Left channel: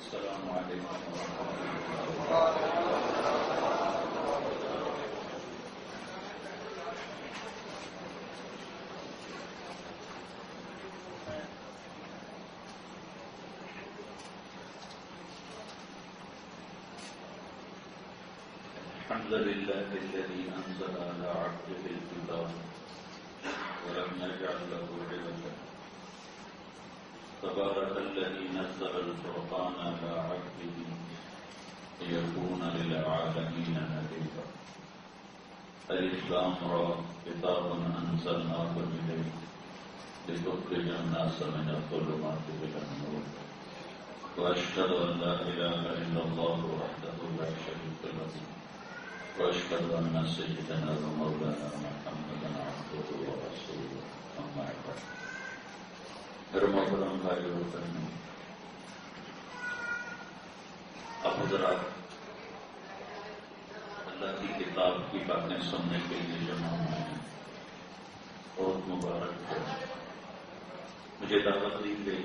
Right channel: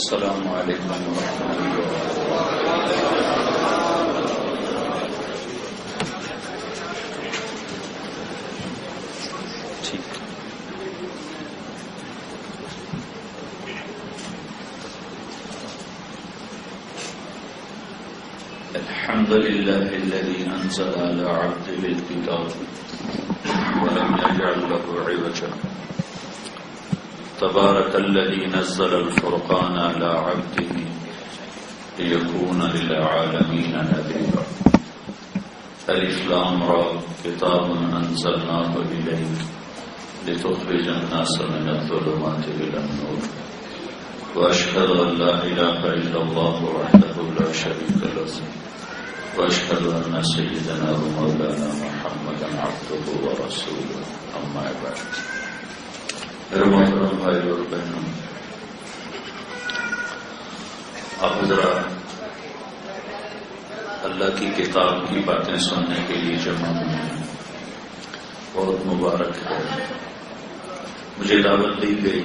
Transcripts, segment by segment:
السلام علیکم ورحمۃ اللہ ٹھیک الحمد للہ الذي انزل على عبده الكتاب ولم يجعل له عوجا تبارك الذي نزل الفرقان على عبده ليكون للعالمين نذيرا ألف لام را كتاب أنزلناه إليك لتخرج الناس من الظلمات إلى النور وأشهد أن لا إله إلا الله وحده لا شريك له وأشهد أن سيدنا ومولانا محمدا عبده ورسوله أما بعد میرے محترم بھائی اور بہنوں، آپ حضرات اللہ کی کتاب کی باتیں سننے کے لیے جمع ہوئے ہیں، بہت مبارک ہے۔ مجھے دعوت دی گئی،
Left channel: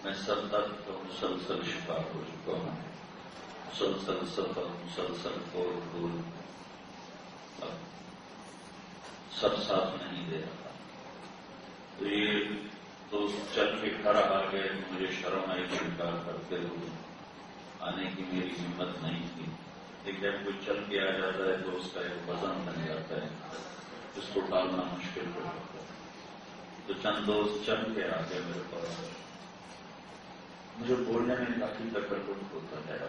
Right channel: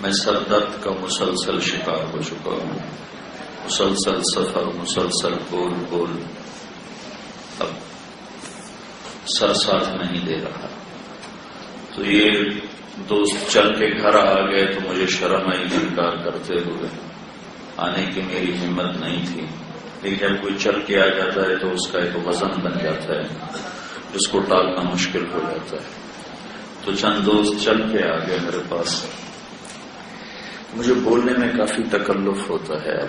میں سر درد کا مسلسل شکار ہو چکا ہوں، مسلسل سفر، مسلسل بول اب سر ساتھ نہیں دے رہا، تو یہ دوست چل کے گھر آ گئے تو مجھے شرم آئی انکار کرتے ہوئے، آنے کی میری ہمت نہیں تھی، لیکن جب کوئی چل کے آ جاتا ہے تو اس کا ایک وزن بن جاتا ہے جس کو ٹالنا مشکل ہو جاتا ہے۔ تو چند دوست چل کے آ گئے میرے پاس، مجھے بولنے میں کافی تکلف ہوتا ہے،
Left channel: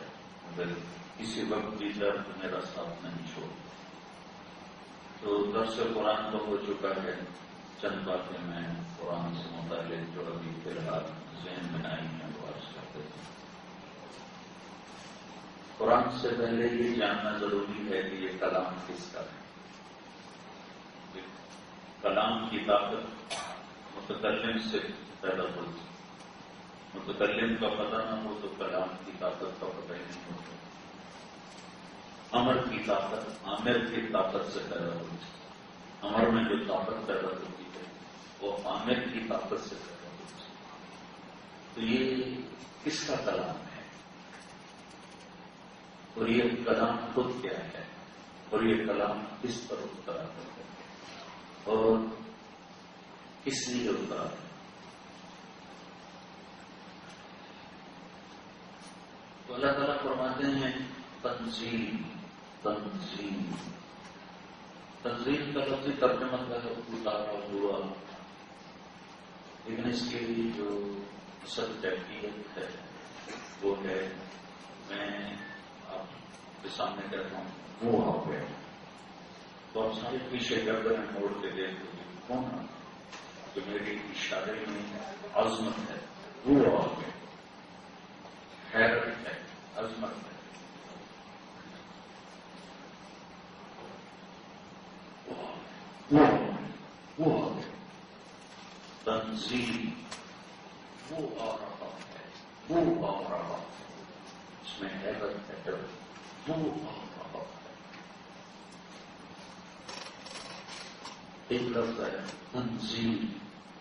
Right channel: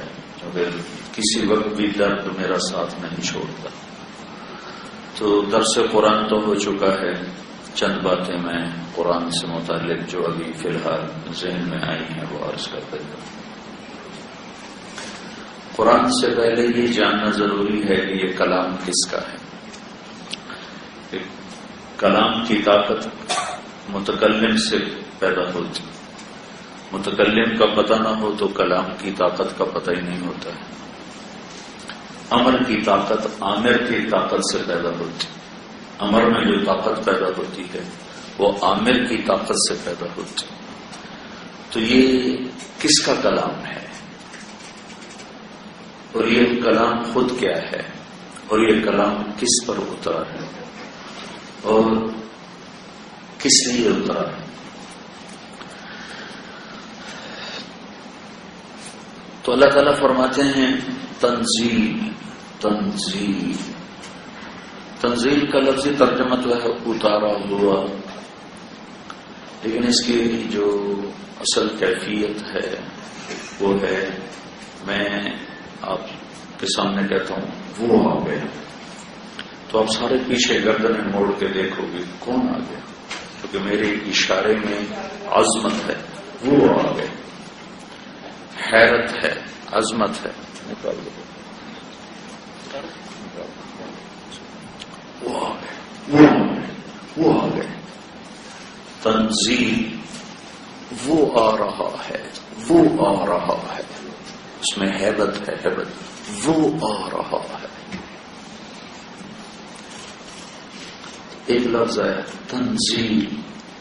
اگر کسی وقت بھی درد میرا ساتھ نہیں چھوڑتا۔ تو درس قرآن تو ہو چکا ہے، چند باتیں میں قرآن سے متعلق جو ابھی فی الحال ذہن میں آئی ہیں وہ عرض کر دیتا ہوں۔ قرآن سے پہلے یہ جاننا ضروری ہے کہ یہ کلام کس کا ہے۔ کلام کی طاقت متکلم سے پیدا ہوتی، متکلم کا پتہ نہ ہو تو کلام کی طاقت کا پتہ ہی نہیں ہوتا ہے۔ امر کی طاقت عامر کی طاقت سے پیدا ہوتی، امر میں جو طاقت پیدا ہوتی ہے وہ عامر کی طاقت سے پیدا ہوتی۔ تو یہ کس کا کلام ہے اور یہ کلام خود کیا ہے اور یہ کلام کس پر اترا ہے اور کس لیے اترا ہے؟ تو اللہ تعالیٰ فرماتے ہیں تنزیل، تنزیل، تنزیل کا لفظی ترجمہ تو ہے اتارا ہوا، لیکن اس کی جو اصل کیفیت ہے وہ ہے، میں آپ کے سامنے کہتا ہوں وہ آ گیا، تو آپ سارے پیچھے گردنیں موڑ کے دیکھو گے کون آ گیا، کیونکہ میرے اشارے میں عظمت ہے، وہ آ گیا، حیرت ہے، عظمت ہے، نکال دو، وہ آ گئے، وہ آ گئے، تنزیل، وہ آ رہا ہے، وہ آ رہا ہے، اس میں ہیبت ہے، ہیبت، وہ آ رہا ہے۔ ایک لفظ ہے تنزیل،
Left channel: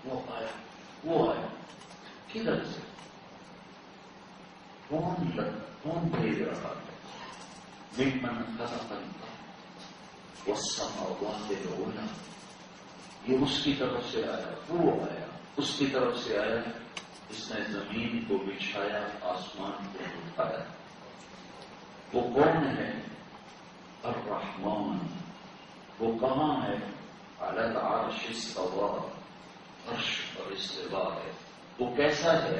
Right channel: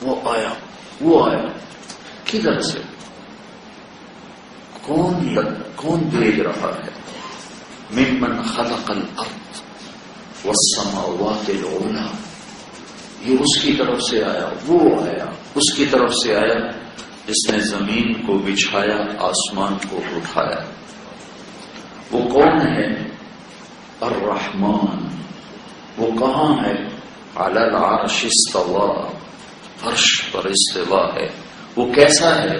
وہ آیا، وہ آیا، کدھر سے، کون بھیج رہا ہے؟ ممن خلق الارض والسماوات العلی، یہ اس کی طرف سے آیا، وہ آیا، اس کی طرف سے آیا جس نے زمین کو بچھایا، آسمان کو اٹھایا۔ وہ کون ہے؟ الرحمن، وہ کہاں ہے؟ علی العرش استوى، عرش پر استوا ہے۔ وہ کیسا ہے؟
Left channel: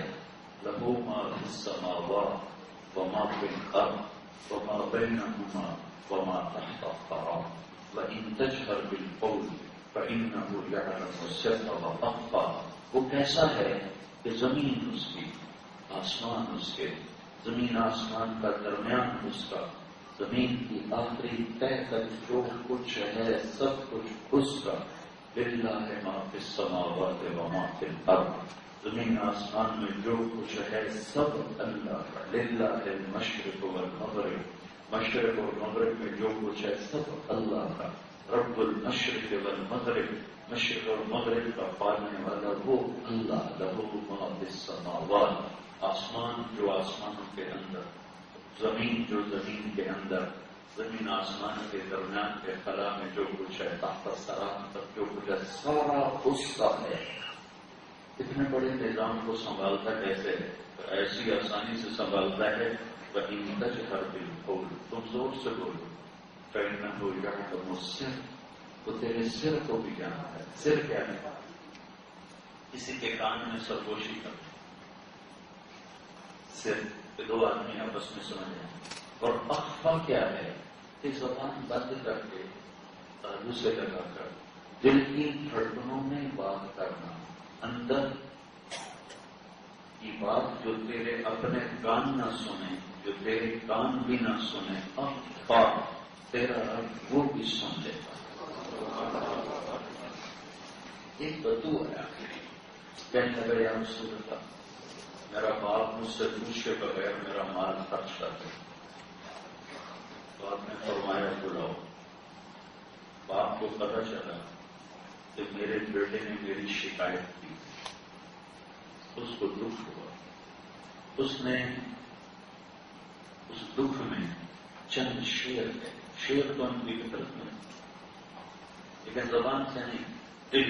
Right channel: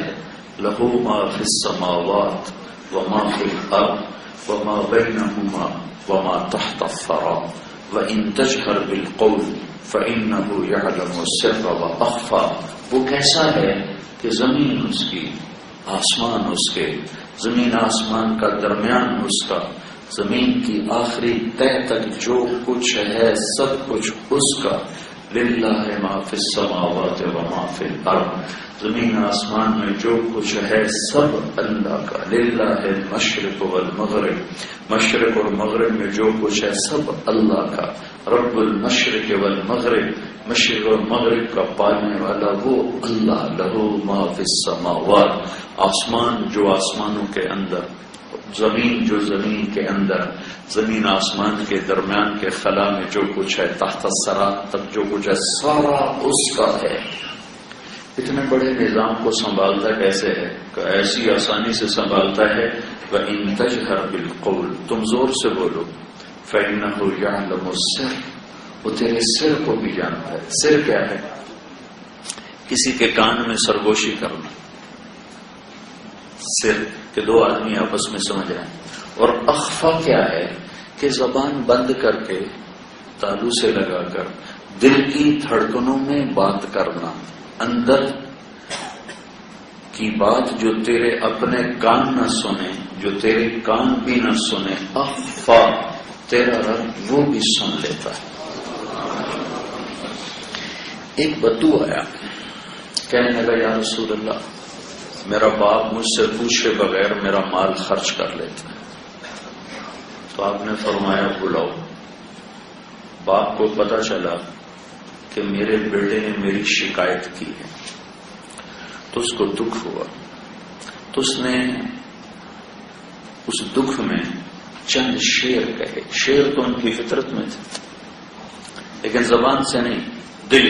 لہ ما فی السماوات وما فی الارض وما بینہما وما تحت الثری وَإِن تَجْهَرْ بِالْقَوْلِ فَإِنَّهُ يَعْلَمُ السِّرَّ وَأَخْفَى۔ وہ کیسا ہے کہ زمین اس کی، آسمان اس کے، زمین آسمان کا درمیان اس کا، زمین کی آخری تہ تک جو کچھ ہے سب کچھ اس کا۔ لِلَّهِ مَا فِي السَّمَاوَاتِ وَمَا فِي الْأَرْضِ، زمین آسمان میں جو کچھ ہے سب اللہ کا۔ لِلَّهِ الْمَشْرِقُ وَالْمَغْرِبُ، مشرق اور مغرب میں جو کچھ ہے سب اللہ کا۔ رب المشرق والمغرب، مشرق اور مغرب کا پالنے والا وہ اللہ، لہو ما فی السماوات، آسمان جو آسمانوں کے اندر، زمین جو زمین کے اندر، زمین آسمان کے درمیان کے خلا میں جو کچھ ہے، تحت الثری تک جو کچھ ہے، سارا اس کا ہے۔ اتنے بڑے نظام کو سنبھالتا کیسے ہے؟ کہ ایسی آسانی سے سنبھالتا ہے وَإِن تَجْهَرْ بِالْقَوْلِ، تم زور سے بولو، فَإِنَّهُ يَعْلَمُ السِّرَّ، وہ تیرے سر کو بھی جانتا ہے۔ سر کیا ہے؟ کسی کے کان میں سرگوشی کرنا، سر کہ دو آدمی آپس میں سمجھ رہے ہیں۔ اور اخفا کیا ہے؟ کہ زبان بند کر کے تالو سے لگا کر دل کی دھڑکنوں میں بات کرنا، اندر کی بات جو تیرے اپنے کان نہ سنے، جو تیرے کان بھی نہ سنے، اخفا، تیرا رب وہ بھی سن لیتا ہے۔ ایک بدو آیا، کہنے لگا یا رسول اللہ، میرا باپ مجھ سے پوچھے بغیر میرا مال خرچ کر لیتا ہے۔ تو آپ نے فرمایا بلاؤ۔ باپ کو پتا چلا کہ میرے بیٹے نے میری شکایت کی ہے، تو اس کو دکھ ہوا، تو اس نے اس دکھ میں چند شعر کہے۔ شعر تو ان کی فطرت میں تھے، لیکن زبان سے نہیں، دل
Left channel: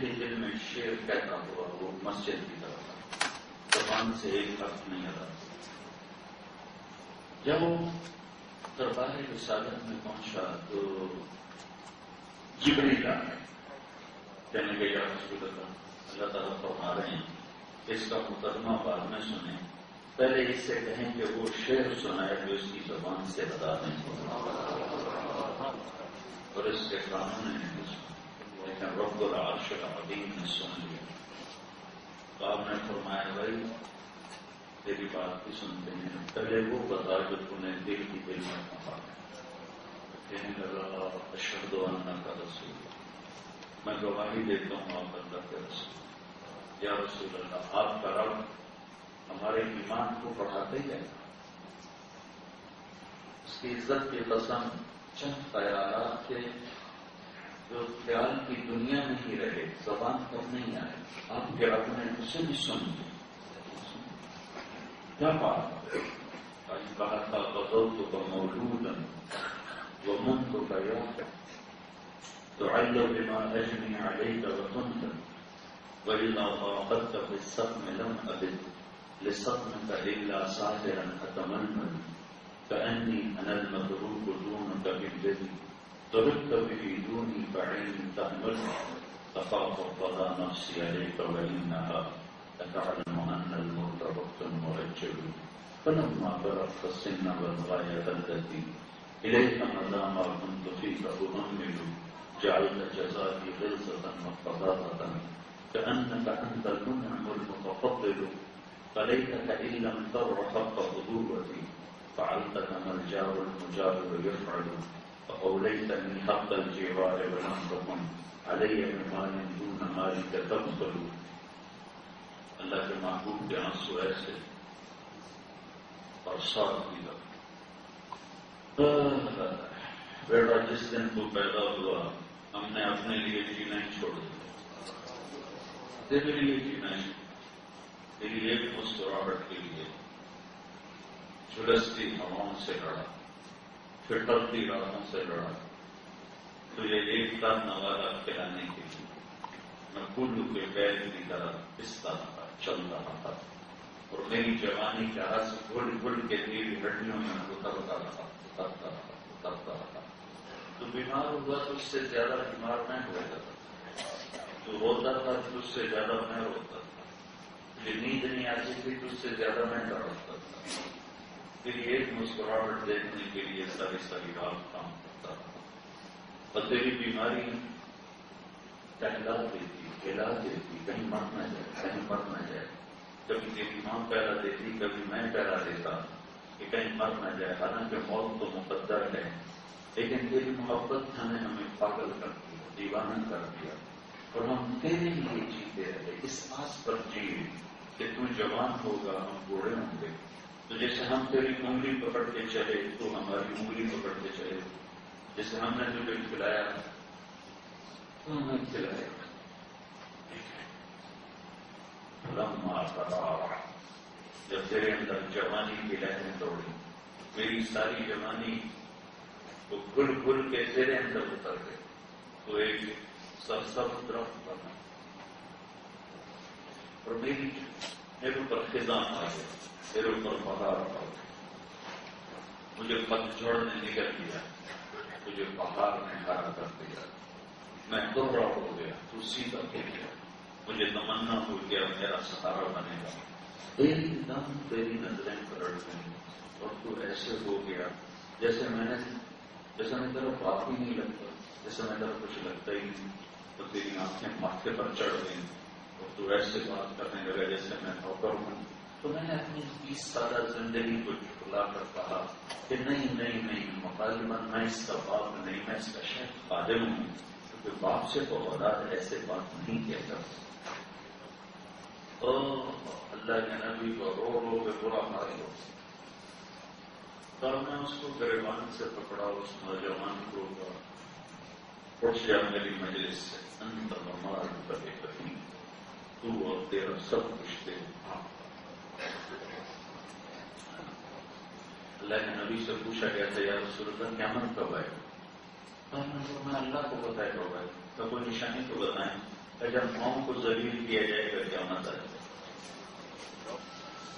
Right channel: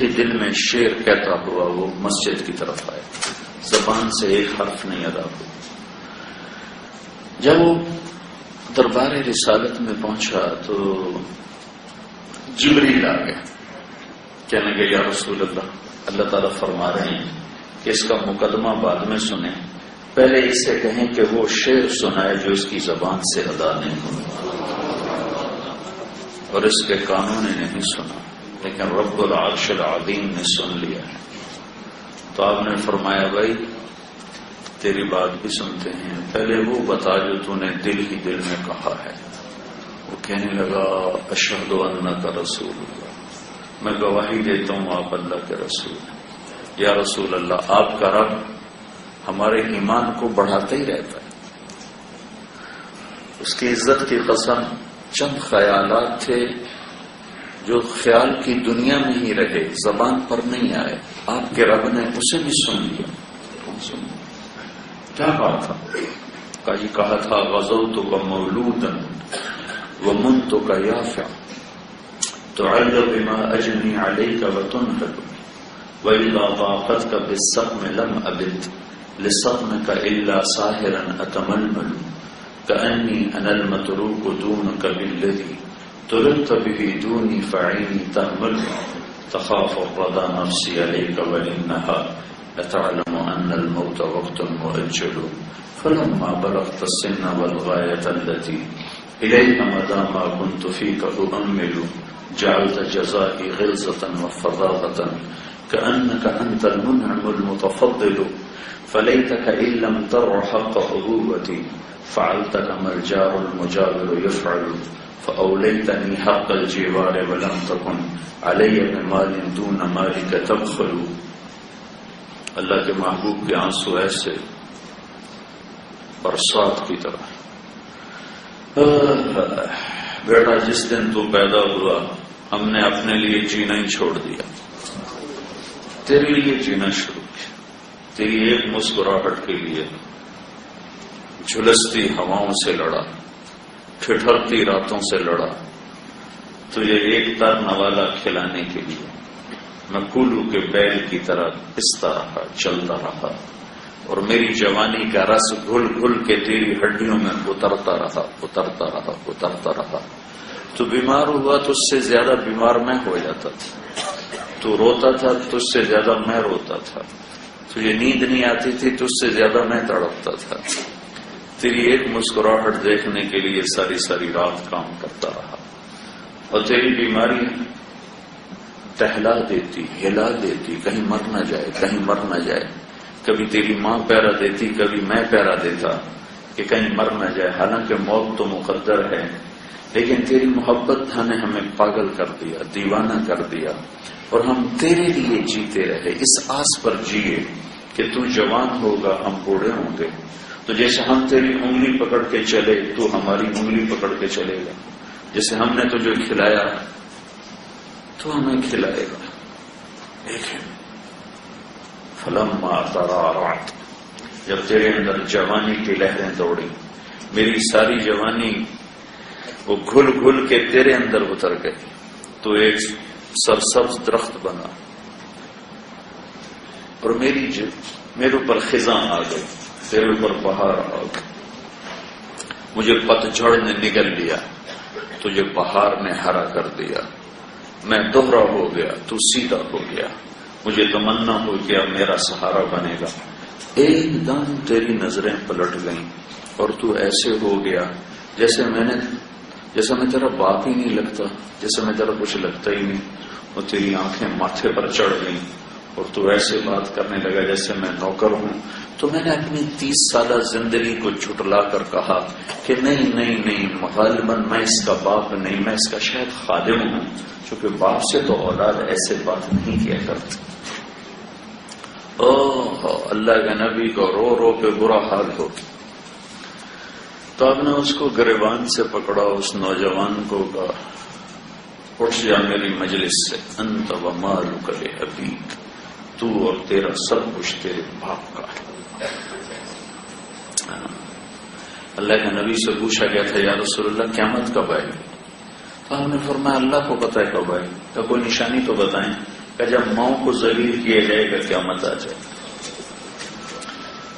ہی دل میں شعر کہتا ہوا وہ مسجد کی طرف آئے، زبان سے ایک حرف نہیں ادا ہوا۔ جب وہ دربار رسالت میں پہنچا تو جبریل آ گیا، کہنے لگے یا رسول اللہ، اللہ تعالیٰ فرما رہے ہیں کہ اس کا مقدمہ بعد میں سنیں، پہلے اس سے کہیں کہ وہ شعر سنائے جو اس کی زبان سے ادا نہیں ہوا، اور اس کے کانوں نے نہیں سنا، لیکن رب العرش العظیم نے سن لیا ہے۔ تو آپ نے فرمایا بھائی تیری بات بھی سنتے ہیں، پہلے وہ بتا جو تو نے دل ہی دل میں کہا ہے۔ وہ کہنے لگا اشہد انک رسول اللہ، میں گواہی دیتا ہوں آپ اللہ کے رسول ہیں۔ یا رسول اللہ، آپ کا رب ہمارے ایمان کو بڑھاتا ہی رہتا ہے۔ اس کی عزت کی قسم، چند خیالات تھے جو خیال کی دنیا میں ہی رہے، زبان پر نہیں آئے، آپ کے رب نے اسے بھی سن لیا۔ کیا کہا تھا غزوتک مولودا ومنتک یافع تعل بما اجنی علیک وتنهد واذا ضاقتک بالصدم لم ابد لصدمک الا ساهرا اتململ كأني انا المتروك دونك بالذي تركت به دوني فعيني تهمل تخاف الرضا نفسي عليك وإنها لتعلم أن الموت وقت مؤجل فلما بلغت السن والغاية التي إليها مدى ما كنت فيك أؤمل جعلت جزائي غلظة وفظاظة كأنك أنت المنعم المتفضل فليتك إن لم تر حق أبوتي فعلت كما الجار المجاور يفعل فأوليتني حق الجوار ولم تكن علي بمال دون مالك تبخل۔ اللہ کے محبوب کے آنسو ایسے برسات کی طرح۔ بیٹا جس دن تو پیدا ہوا ہم نے اپنے لیے جینا ہی چھوڑ دیا، تیرے لیے جینا شروع کیا، تیری ایک مسکراہٹ کے لیے جھلستی ہواؤں سے لڑا، ٹھٹھرتی راتوں سے لڑا، تجھے ایک تر نوالا کھلانے کے لیے میں کولو کے بیل کی طرح پستا رہا، چلتا رہا، اور میری جوانی کا رس گھل گھل کے تیری ہڈیوں میں اترتا رہا۔ تو بیمار ہوا تو اس سے زیادہ بیمار میں ہو جاتا تھا، تو روتا تھا تو اس سے زیادہ میں روتا تھا، تجھے نیند نہیں آتی تھی تو اس سے زیادہ میں تڑپتا تھا، تیری ایک مسکراہٹ دیکھنے کے لیے ساری ساری رات کام کرتا رہا، اور تیری بیماری ٹہلا دیتی، ہلا دیتی، کہیں مر نہ جائے، کبھی تیری ماں پیرا دیتی، کبھی میں پیرا دیتا کہ کہیں مر نہ جائے، حالانکہ موت تو مقدر ہے، لیکن تیری محبت نے ہمیں پاگل کر دیا، دیوانہ کر دیا، اور ہم تیرے لیے جیتے رہے، اس آس پر جیے کہ تو جوان ہوگا ہم بوڑھے ہوں گے، تو جیسے ہم تیری انگلی پکڑ کے چلے تو ہماری انگلی پکڑ کے چلے گا، جیسے ہم نے تجھے کھلایا تو ہمیں کھلائے گا. دیکھیں فلما ترعرعت، جب تیرے اندر جوانی کی لہریں دوڑی، میری ساری جوانی وہ گھل گھل کے تیرے اندر اتر گئی، تو ایک سرسبز درخت بنا، اور میرے اوپر خزاں آ گئی، تیرے اوپر بہار آ گئی. مجھے پتجھڑ نے نگل لیا، تجھے بہار نے ہرا کر دیا. میں دوہرا ہو گیا، تو سیدھا ہو گیا. مجھے تمنا ہو گیا میرا سہارا بنے گا. ایک دم تیری نظریں پلٹ گئیں اور تو ایسے ہو گیا جیسے میں تیرا باپ ہی نہیں لگتا، جیسے میں تیرا کچھ لگتا ہی نہیں. اور تیری آنکھیں ماتھے پر چڑھ گئیں اور تو ایسے بات کرنے لگا جیسے میں نوکر ہوں. تو میں نے اپنی 30 سالہ زندگی کو جھٹلا کر کہا کہ نہیں، غالباً میں اس کا باپ نہیں، میں اس کا شاید خادم ہوں، چونکہ باپ سے تو اولاد ایسے بات نہیں کیا کرتی. اللہ کے نبی کو رو رو کے برا حال ہو. تو اب نے اس کو گریبان سے پکڑا، اس نوجوان کو کہا اٹھ جا میری مجلس سے، انت ومالک لابیک، تو اور تیرا سب کچھ تیرے باپ کا ہے. اللہ کے نبی سے پوچھا گیا تھا یا رسول اللہ قیامت کب آئے گی؟ تو ہم نے فرمایا اللہ کو پتہ ہے کب آئے گی. تو کوئی نشانی تو بتائیں کہ جب ماؤں کو ذلیل کیا جائے گا قیامت آ جائے.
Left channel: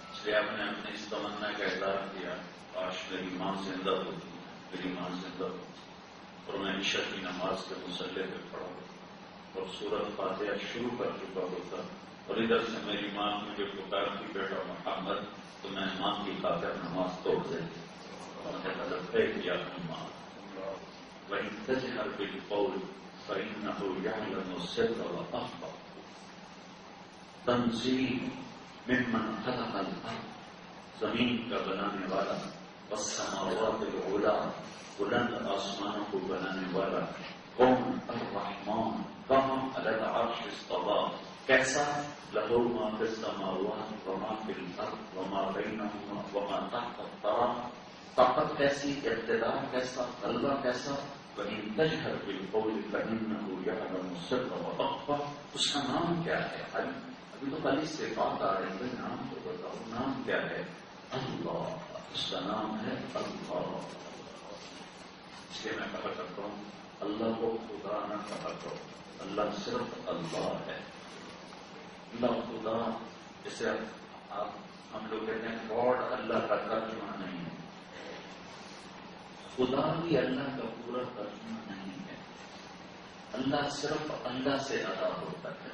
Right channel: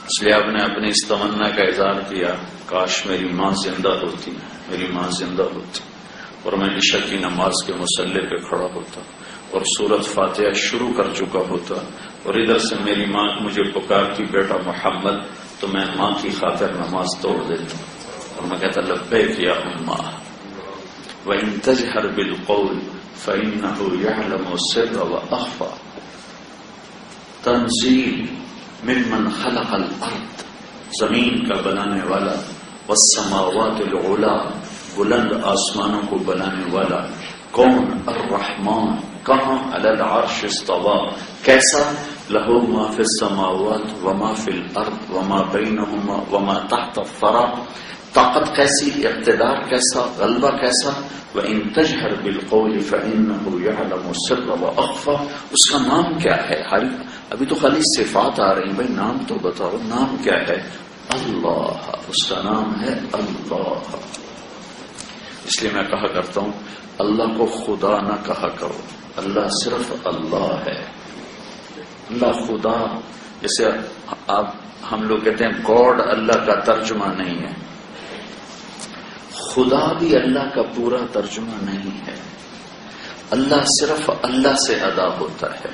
اس لیے آپ نے اپنی اس تمنا کا اظہار کیا کاش میری ماں زندہ ہوتی، میری ماں زندہ ہوتی اور میں عشاء کی نماز کے مصلی پہ کھڑا ہوتا اور سورۃ فاتحہ شروع کر چکا ہوتا، اور ادھر سے میری ماں مجھے پکارتی بیٹا محمد، تو میں ماں کی خاطر نماز توڑ دیتا اور میں کہتا لبیک یا اماں وَإِن تَجْهَرْ بِالْقَوْلِ فَإِنَّهُ يَعْلَمُ السِّرَّ وَأَخْفَى. تنزیل ممن خلق الارض، زمین کا بنانے والا، والسماوات العلا، بلند آسمانوں کو بنانے والا. کون؟ الرحمن. کہاں؟ علی العرش استوى. کیسا؟ لہو ما فی السماوات وما فی الارض وما بینہما وما تحت الثری. طاقت کیسی، اقتدار کیسا، غلبہ کیسا. وَإِن تَجْهَرْ بِالْقَوْلِ فَإِنَّهُ يَعْلَمُ السِّرَّ وَأَخْفَى. اس کا نام کیا ہے؟ ابھی تو خالی صفات آ رہی ہیں، بھائی نام تو بتاؤ، نام کیا ہے؟ اللہ. اس کا نام ہے اللہ. اس لیے میں کہا کرتا ہوں اللہ کو خدا نہ کہا کرو، اللہ صرف اللہ ہے. اللہ خدا، جیسے ہم لوگ کہتے ہیں گاڈ اللہ کا ترجمہ نہیں ہے، خدا بھی اللہ کا پورا ترجمہ نہیں ہے. اللہ صرف اللہ سے ادا ہوتا ہے،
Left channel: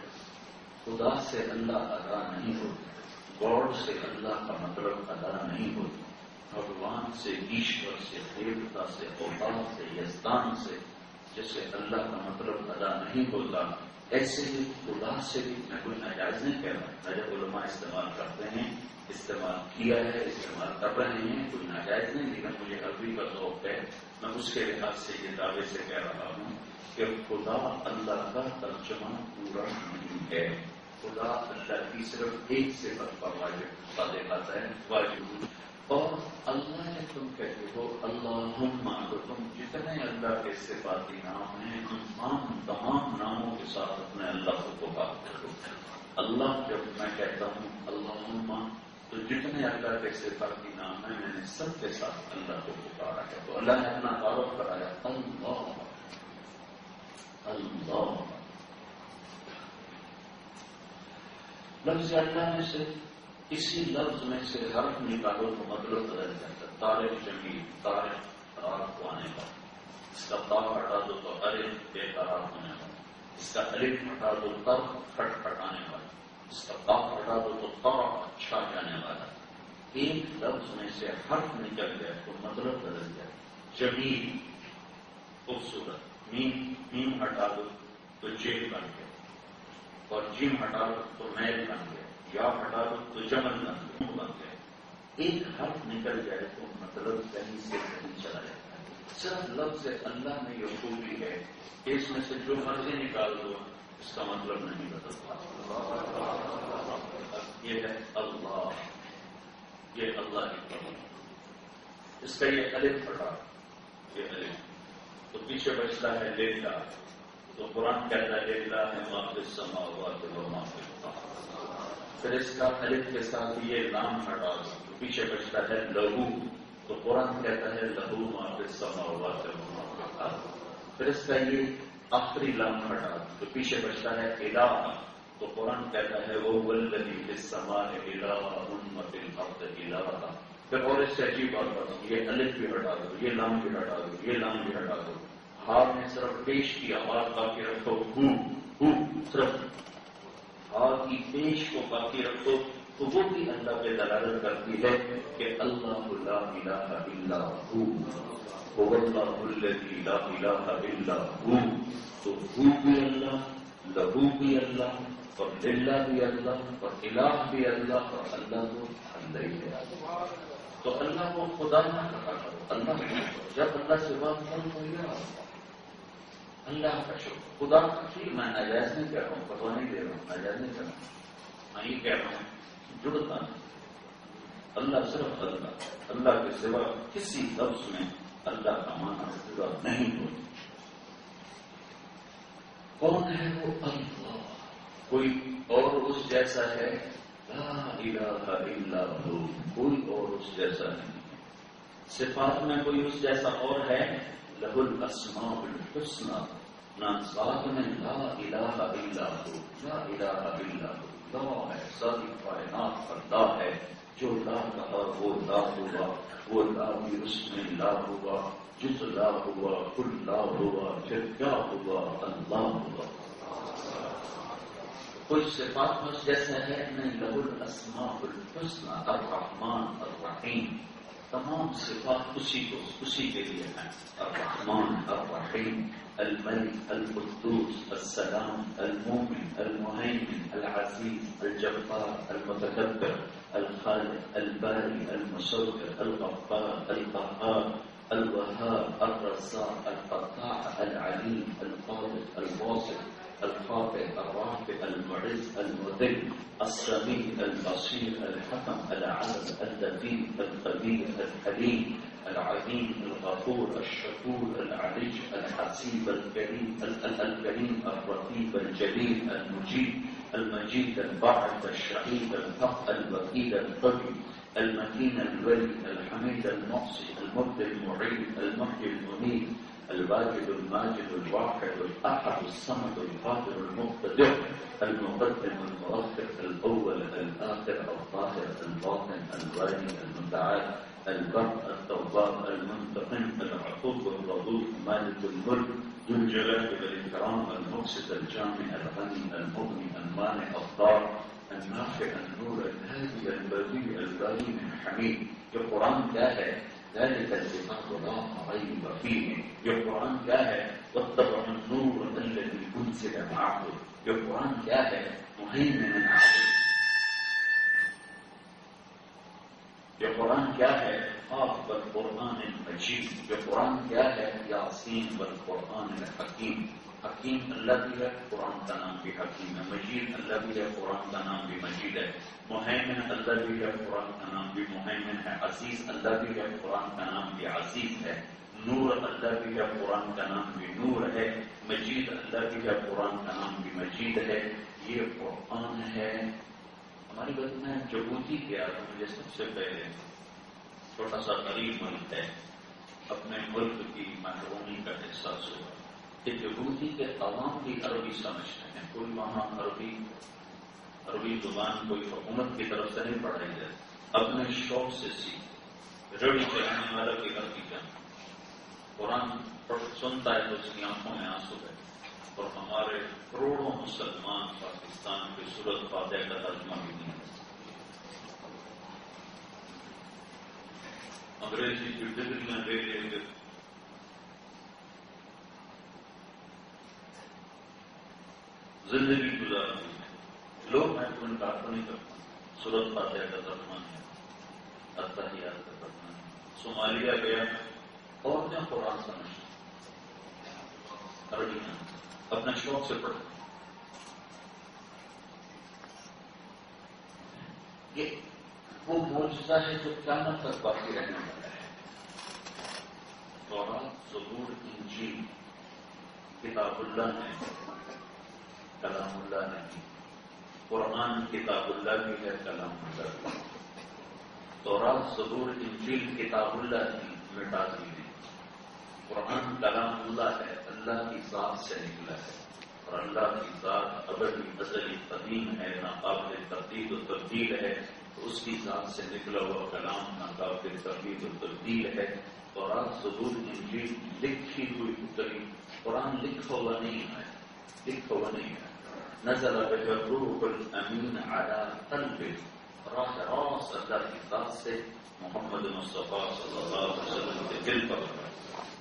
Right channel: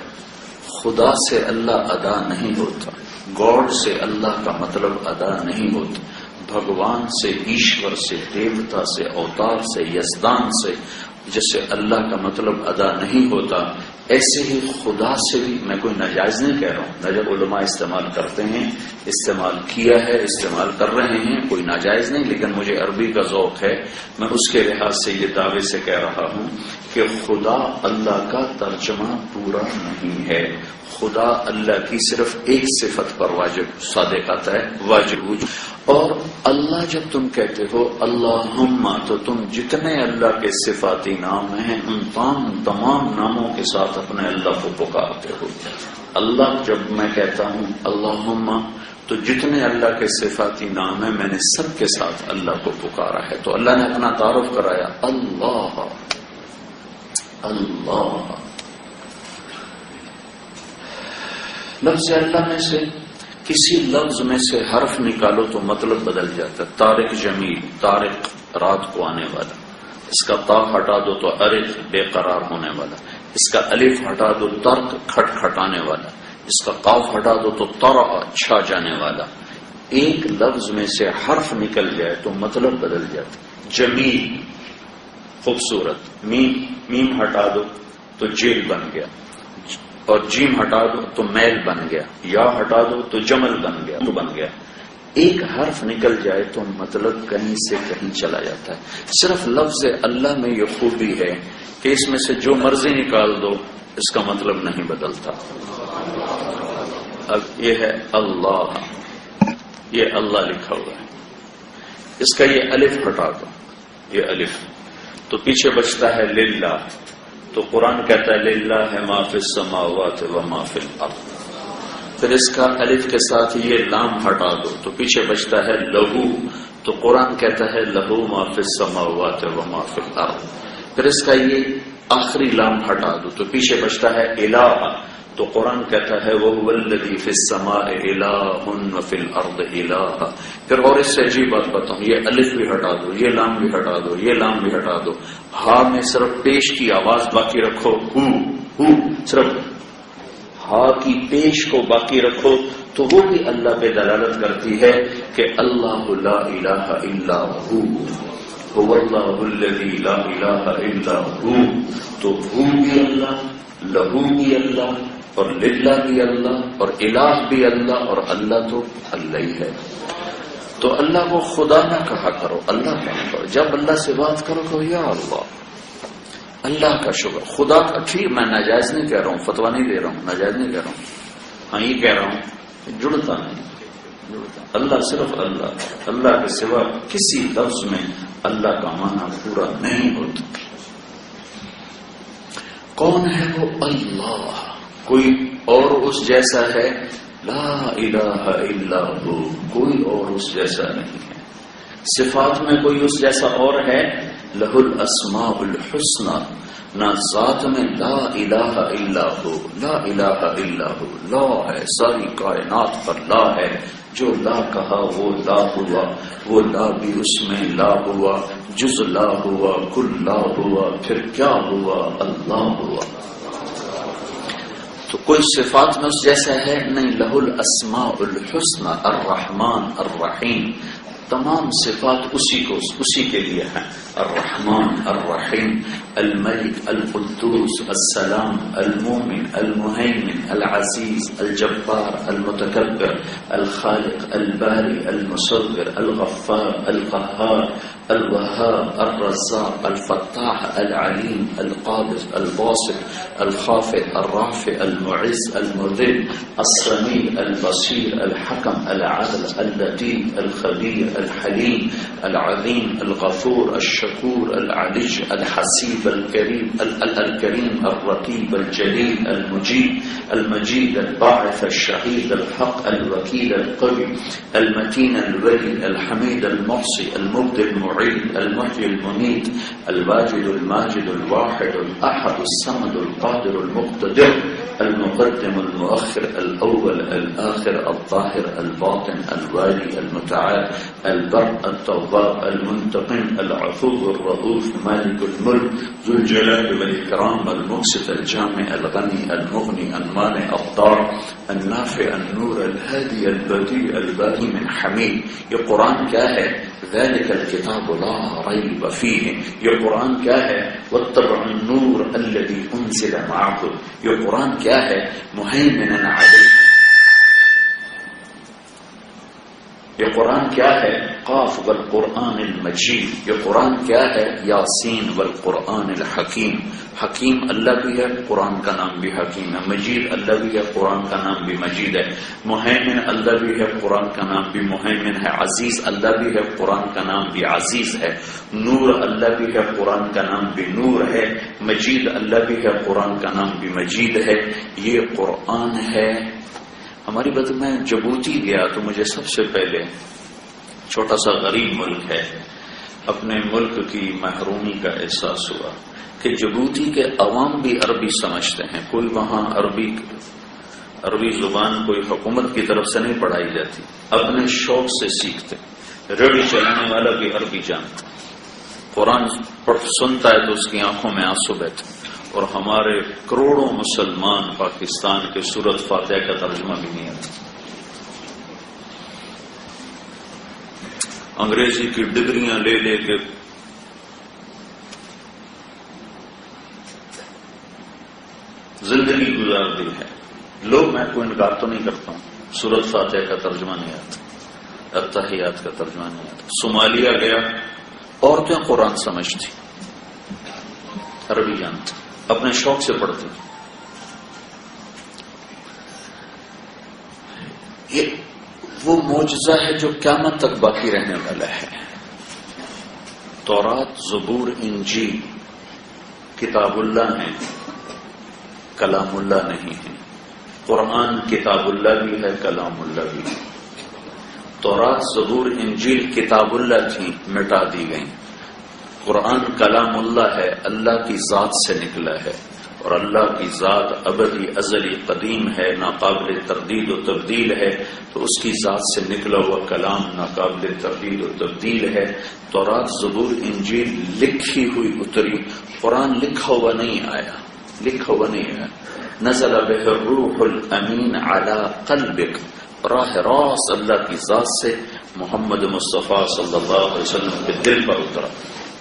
خدا سے اللہ ادا نہیں ہوتا. گاڈ سے اللہ کا مطلب ادا نہیں ہوتا. بھگوان سے، ایشور سے، دیوتا سے، اوتار سے، یزدان سے جیسے اللہ کا مطلب ادا نہیں ہوتا، ایسے ہی خدا سے بھی. میں کوئی ناجائز نہیں کہہ رہا ہوں، نجب علماء استعمال کرتے ہیں، استعمال کیا ہے، استعمال کر رہے ہیں، کوئی ناجائز نہیں، لیکن مجھے عربی کا ذوق ہے، میں اس کے لحاظ سے یہ دعوے سے کہہ رہا ہوں کہ خدا اللہ کا ترجمہ پورا نہیں ہے. خدا اللہ کی صرف ایک صفت پر واجب صادق آتا ہے، واجب وجود. اور اللہ جب تم کہتے ہو اللہم، تو تم جتنے اللہ کے صفاتی نام ہیں ان تمام ناموں کے ساتھ اپنے اللہ کو پکارتے ہو. اللہ جب میں کہتا ہوں اللہم، تو جتنے اللہ کے صفاتی نام ہیں میں نے سب کے ساتھ اللہ کو پکارا ہے. تو اللہ نے اپنا تعارف کرایا اللہ. اللہ لفظ اللہ میں سے کسی لفظ میں سے حرف نکالو تو مطلب بدل جاتا ہے. طارق جمیل، طارق رات کو آنے والا. اس کا تا ہٹا دو تو ارق بے قرار ہونے والا. اس کا الف ہٹا دو ترک کھٹ کھٹانے والا. اس کا قاف ہٹا دو تو ترع چھا جانے والا. ایک لفظ میں سے حرف نکل جائے تو مطلب بدل جاتا. جمیل خوبصورت، میم ہٹا دو تو جیل بن گیا، اور جیم ہٹا دو تو میل بن گیا، یا ہٹا دو تو جمل بن گیا، تو بن گیا. ایک حرف نکل جائے تو مطلب کہیں سے کہیں چلا جاتا ہے. صرف لفظ اللہ میں یہ خوبی ہے کہ اس میں سے جو مرضی نکال دو اس کا مطلب نہیں بدلتا. اب یہ ہے اللہ، یہ اللہ لکھا ہوا ہے، اس کا یہ الف ہٹا دو، یہ الف، تو پیچھے بچتا ہے للہ. تو قرآن کہتا ہے للہ ما فی السماوات و ما فی الارض. پھر اس کا الف کے ساتھ یہ لام ہٹا دو تو پیچھے بچتا ہے لہو. تو قرآن کہتا ہے لہو ما فی السماوات و ما فی الارض. پھر اس کا یہ آخری لام ہٹا دو تو پیچھے بچتا ہے الہ. تو قرآن کہتا ہے وَهُوَ الَّذِي فِي السَّمَاءِ إِلَٰهٌ وَفِي الْأَرْضِ إِلَٰهٌ. پھر اور اس سے عجیب بات بتاؤں، یہ الف بھی ہٹا دو، یہ لام بھی ہٹا دو، یہ لام بھی ہٹا دو، ہا میں صرف پیش کی آواز باقی رکھو، ہو صرف ہا کی پیش کو باقی رکھو تو وہ بھی اللہ پہ دلالت کرتی ہے کہ اللہ لا الہ الا ہو، هو اللہ الذی لا الہ الا ہو. تو ہو بھی اللہ، لہو بھی اللہ، اور للہ بھی اللہ، اور الہ بھی اللہ، اور اللہ تو اللہ ہی ہے. تو اللہ کو خدا نہ کہا کرو، اللہ کہا کرو. جب اللہ سے بات کرو کہ یا اللہ کا شکر. خدا کا ٹھیک، میں ناجائز نہیں کہہ رہا ہوں، فتویٰ نہیں دے رہا ہوں، ناجائز نہیں کہہ رہا ہوں، ہاں یہ کہہ رہا ہوں جڑتا نہیں. اللہ صرف اللہ، اللہ کے سوا کسی لفظ میں اللہ کا معنی پورا نہیں ہوتا. کون ہے وہ اللہ؟ کوئی اور اس جیسا ہے؟ لا الہ الا ہو، کوئی اور اس جیسا نہیں ہے. صفات میں کوئی اس جیسا اور ہے؟ لہ الاسماء الحسنى. نہ ذات میں لا الہ الا ہو، لا الہ الا ہو، لا ہے، ساری کائنات پر لا ہے. جو لا کہا وہ لا ہوا، وہ لا بھی اس میں لا ہوا، جز لا ہوا، کل لا ہوا، پھر کیا ہوا؟ اللہ ہوا. تو کوئی صفات میں اس جیسا ہے نہیں. لہ الاسماء الحسنى، الرحمن الرحیم، تمام صفات اسی کے لیے ہیں. الرحمن الرحیم، الملک القدوس السلام المومن المہیمن العزیز الجبار المتکبر الخالق الباری المصور الغفار القہار الوهاب الرزاق الفتاح العلیم القابض الباسط الخافض الرافع المعز المذل السمیع البصیر الحکم العدل اللطیف الخبیر الحلیم العظیم الغفور الشکور العلی الحسیب الکریم الرقیب الجلیل المجید الباعث الشہید الحق الوکیل القوی المتین الولی الحمید المحصی المبدع المعید المحیی الممیت الواجد الماجد الواحد الاحد الصمد القادر المقتدر المقدم المؤخر الاول الاخر الظاهر الباطن الوالي المتعال البر التواب المنتقم العفو الرؤوف مالك الملك ذو الجلال والإكرام المقسط الجامع الغني المغني المانع الضار النافع النور الهادي البديع الباقي من حميد. یہ قرآن کیا ہے؟ ذلك الكتاب لا ريب فيه. یہ قرآن کیا ہے؟ واتبعوا النور الذي انزل معه. یہ قرآن کیا ہے؟ مهيمنا عليه. یہ قرآن کیا ہے؟ قاف والقرآن المجید. یہ قرآن کیا ہے؟ یاسین والقرآن الحکیم. حکیم اللہ بھی ہے، قرآن کا نام بھی حکیم ہے. مجید اللہ بھی ہے، قرآن کا نام بھی مجید ہے. مہیمن اللہ بھی ہے، قرآن کا نام بھی مہیمن ہے. عزیز اللہ بھی ہے، قرآن کا نام بھی عزیز ہے. نور اللہ بھی ہے، قرآن کا نام بھی نور ہے. مجید اللہ بھی ہے، قرآن کا نام بھی مجید ہے. یہ قرآن ہے. ہماری بات میں جبوتی گیا تو مجھے سب سے پہلے، چھوٹا سا غریب ملک ہے، اپنے ملک کی محرومی کا احساس ہوا کہ جبوتی کے عوام بھی عربی سمجھتے ہیں. کوئی وہاں عربی زبان کوئی حکومت کی طرف سے نہیں پڑھائی جاتی، اپنے شوق سے سیکھتے. ریڈیو چلانے والا بھی عربی جانتا، قرآن سنتا ہے تو اس کی آنکھوں میں آنسو بہتے. اور ہمارے کروڑوں مسلمان پاکستان کے سورت فاتحہ کا ترجمہ بھی نہیں آتا. انگریزی کی ڈگریاں لے لے کے زندگی گزار دی ہے. لوگ، میں کوئی انکار تو نہیں کرتا ہوں، سورت فاتحہ کا ترجمہ نہیں آتا، التحیات کا ترجمہ نہیں آتا. صومالیہ گیا، عورتیں قرآن سمجھتی، عربی جانتی، اپنے شوق سے پڑھتی. یہ وہ معجزہ ہے جو قیامت تک باقی رہنے والا ہے. تورات، زبور، انجیل کتاب اللہ ہیں، کلام اللہ نہیں ہے۔ قرآن کتاب اللہ بھی ہے، کلام اللہ بھی ہے۔ تورات، زبور، انجیل کتاب اللہ تھی، مٹا دی گئیں۔ قرآن کلام اللہ ہے، اللہ کی ذات سے نکلا ہے، اور اللہ کی ذات ابدی، ازلی، قدیم ہے، ناقابل تردید و تبدیل ہے، تو اس کی ذات سے نکلا ہوا کلام ناقابل تردید و تبدیل ہے۔ تورات، زبور، انجیل لکھی ہوئی اتری، قرآن لکھا ہوا نہیں آیا، لکھا ہوا نہیں آیا۔ نزل بہ الروح الامین علی قلبک، راہ راست اللہ کی ذات سے محمد مصطفیٰ صلی اللہ علیہ وسلم کے دل پر اترا،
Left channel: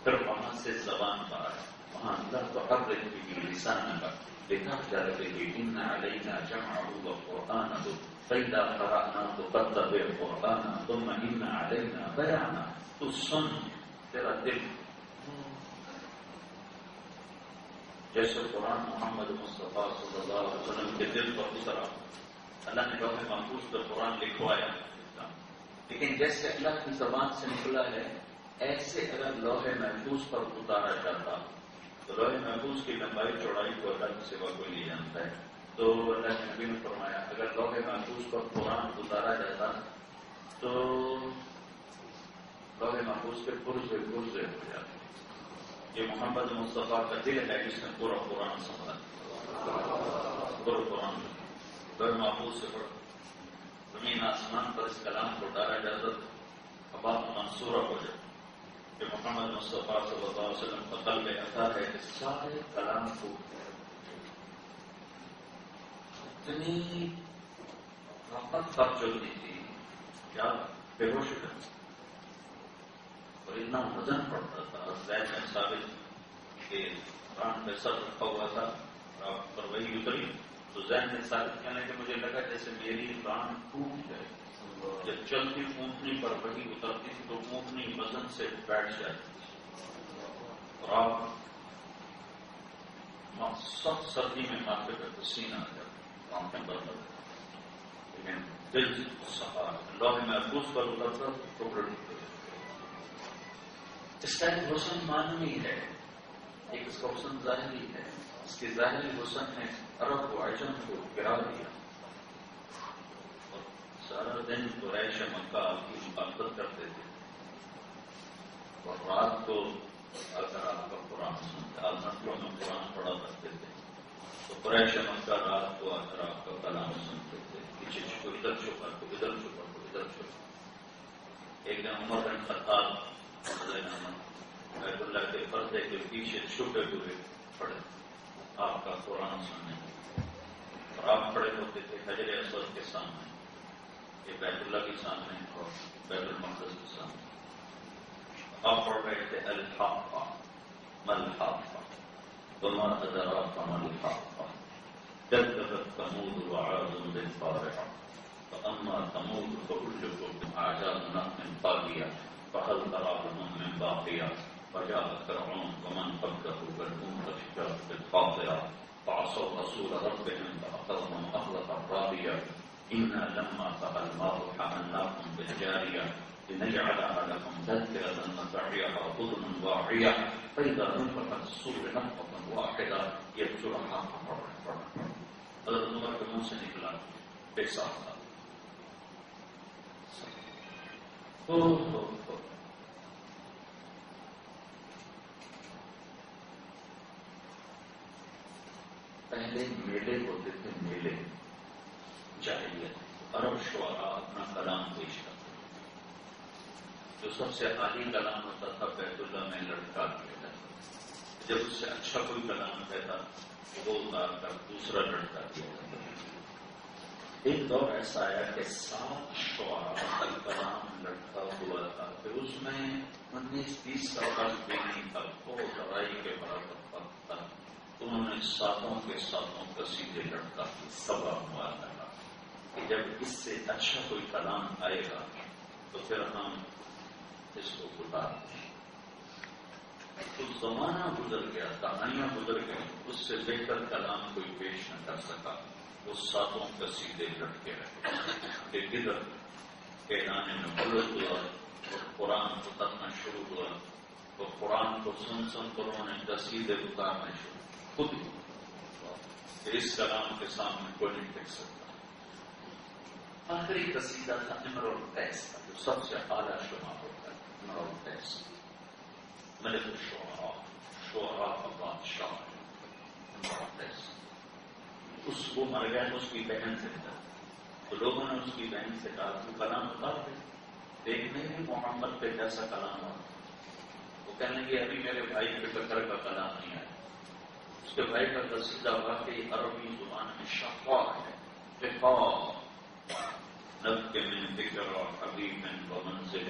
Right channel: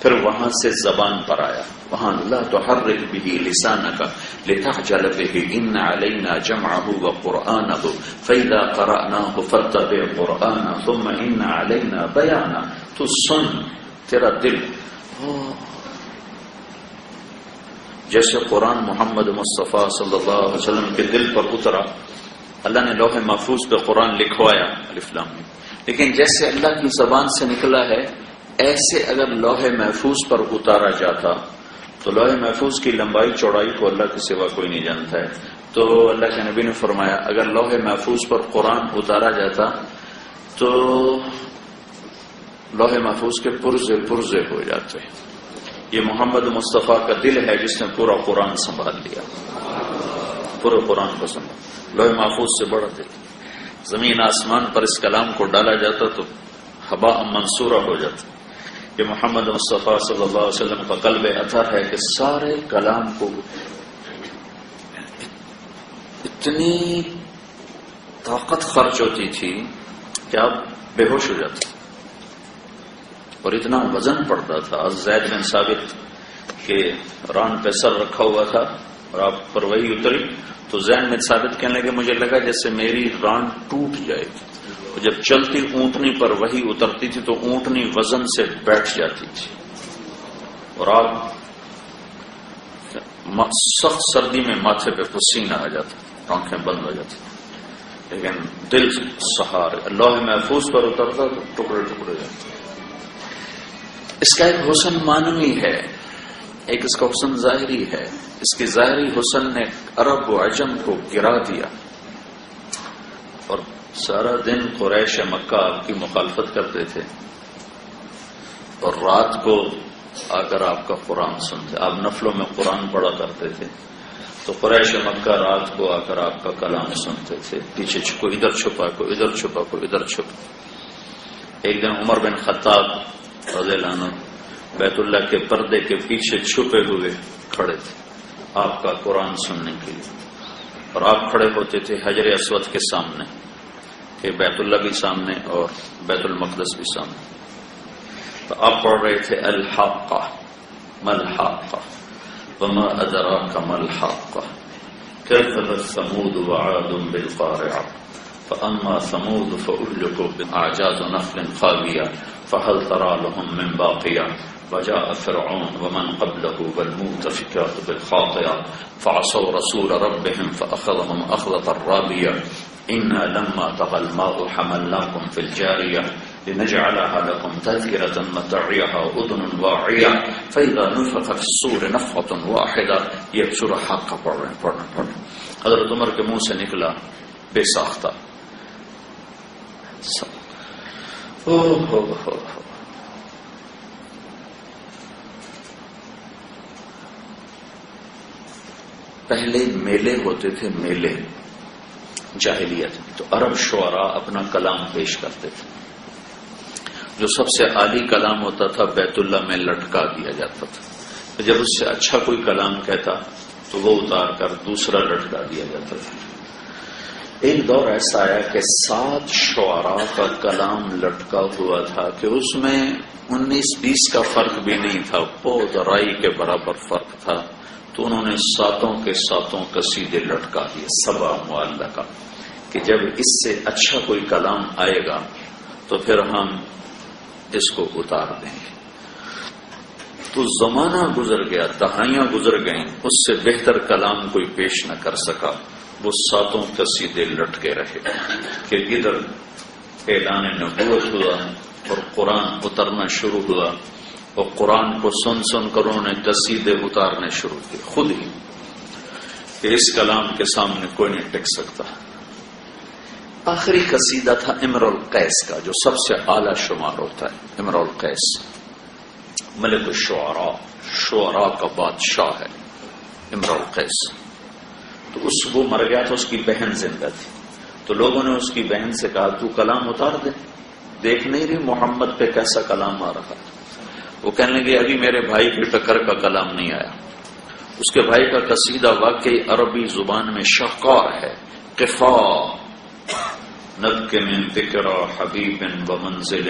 پھر وہاں سے زبان پر آیا۔ وہاں لا تحرک به لسانک لتعجل به ان علینا جمعہ وقرآنہ فإذا قرأناہ فاتبع قرآنہ ثم ان علینا بیانہ۔ تو سن، تیرا دل جیسے قرآن محمد مصطفیٰ صلی اللہ علیہ وسلم کے دل پر اترا، اللہ نے لوح محفوظ پہ قرآن لکھوایا الف لام میم، لیکن جیسے اللہ کی زبان سے نکلا ہے ایسے اگر لوح محفوظ پر اتارا جاتا تو لوح محفوظ کی لمبائی چوڑائی کو اللہ کے سوا کوئی نہیں جانتا ہے، تو اللہ کے نبی نے فرمایا اگر لوح محفوظ پر قرآن اتارا جاتا تو لوح محفوظ کے پرزے پرزے ہو جاتے۔ یہ محمد مصطفیٰ کا دل ہے جس نے پورا قرآن سنبھال لیا، پورے قرآن کو سنبھال۔ لوح محفوظ سے بڑا دل، زمین آسمان پر اس کلام کو ڈالا جاتا تو ہباء منصورہ ہو جاتا۔ یہ محمد مصطفیٰ صلی اللہ علیہ وسلم کا قلب اطہر ہے کہ سارے کلام کو اتنی طاقت خرچ ہوتی تھی کہ آپ بے ہوش ہو جاتے، اور اتنا وزن پڑتا تھا۔ زید بن ثابت کے ران پہ سر رکھا ہوا تھا اور آپ پر وہی اتری تو زید بن ثابت کہنے لگے مجھے لگا جیسے میری ران ٹوٹ جائے گی، اور جب چلتی اونٹنی پر وہی اترتی تھی تو اونٹنی وزن سے بیٹھ جاتی تھی، اور آپ سخت سردی میں ماتھے پہ پسینہ آ جاتا، آنکھیں بند ہو جاتی، لیکن دل سہارے اللہ محفوظ پر اترتا تو ٹکڑے ٹکڑے جاتے۔ اس کا ایک حسن معنوی ہے، ایک اس کا حسن ظاہری ہے۔ اس کی ظاہری حسن نے عرب و عجم کو گرا دیا، اور سارا دن قریش مکہ آپ کی مخالفت کرتے تھے، اور رات کو آ کر آپ کا قرآن سنتے۔ آپ نفلوں میں قرآن پڑھا کرتے تھے تو قریش مکہ رات کو آ کر آپ کا کلام سنتے تھے، پیچھے کوئی ادھر چھپا، کوئی ادھر چھپا، کوئی ادھر چھپا۔ ایک دن عمر بن خطاب رضی اللہ عنہ بیت اللہ کے پردے کے پیچھے چھپے ہوئے کھڑے تھے آپ کا قرآن سننے کے لیے، اور آپ کھڑے ہوتے تھے حجر اسود کے سامنے، کہ بیت اللہ بھی سامنے اور بیت المقدس بھی سامنے، تو آپ پڑھ رہے تھے الحاقہ ما الحاقہ وما ادراک ما الحاقہ کذبت ثمود وعاد بالقارعہ فاما ثمود فاهلكوا باعجاز نخل خاویہ فهل ترى لهم من باقیہ وجاء فرعون ومن قبله والمؤتفكات بالخاطئة فعصوا رسول ربهم فأخذهم أخذة رابية إنا لما طغى الماء حملناكم في الجارية لنجعلها لكم تذكرة متعيها أذن واعية فإذا نفخ في الصور نفخة واحدة یہ سورہ حق پڑھ رہے ہیں۔ حضرت عمر کے منہ سے نکلا بے ساختہ پہلے میلے ہوتے تھے، میلے جاہلیت، تو عرب شعراء اپنا کلام پیش کرتے تھے، جو سب سے عالی کلام ہوتا تھا بیت اللہ میں لٹکا دیا جاتا تھا، جب اس سے اچھا کوئی کلام کہتا تو وہ اتار کر دوسرا لٹکا دیا جاتا تھا۔ ایک دور ایسا آیا کہ 7 شعراء کا کلام لٹکا ہوا تھا کہ اس میں 19-20 کا فرق بھی نہیں تھا، پود رائی کے برابر فرق تھا، تو انہوں نے 7 کے 7 قصیدے لٹکا دیے، 7 معلقہ، کہ جب اس سے اچھا کوئی کلام آئے گا تو پھر ہم اس کو اتار دیں گے۔ تو زمانہ گزر گیا، دہائیاں گزر گئیں، اس سے بہتر کلام کوئی پیش نہ کر سکا، وہ 7 قصیدے لٹکے رہے، کہ ادھر اعلان نبوت ہوا اور قرآن اترنا شروع ہوا، اور قرآن کو سن سن کر انہوں نے قصیدے اتارنے شروع کیے خود ہی کہ اس کلام کے سامنے کوئی نہیں ٹک سکتا. آخری قصیدہ تھا امرؤ القیس کا، جو سب سے اعلیٰ شمار ہوتا ہے. امرؤ القیس ملک الشعراء، شعراء کا بادشاہ ہے امرؤ القیس. تو وہ مر گیا تھا، اس کی بہن زندہ تھی. تو لوگوں نے اس کی بہن سے کہا تو کلام اتار دے، دیکھ نہیں رہی محمد پہ کیسا کلام آ رہا. وہ کہنے لگے ابھی میرے بھائی کی ٹکر کا کلام نہیں آیا. اس کے بھائی کا قصیدہ واقعی عربی زبان میں شاہکار ہے. قفا ندک من ذکر حبیب ومنزل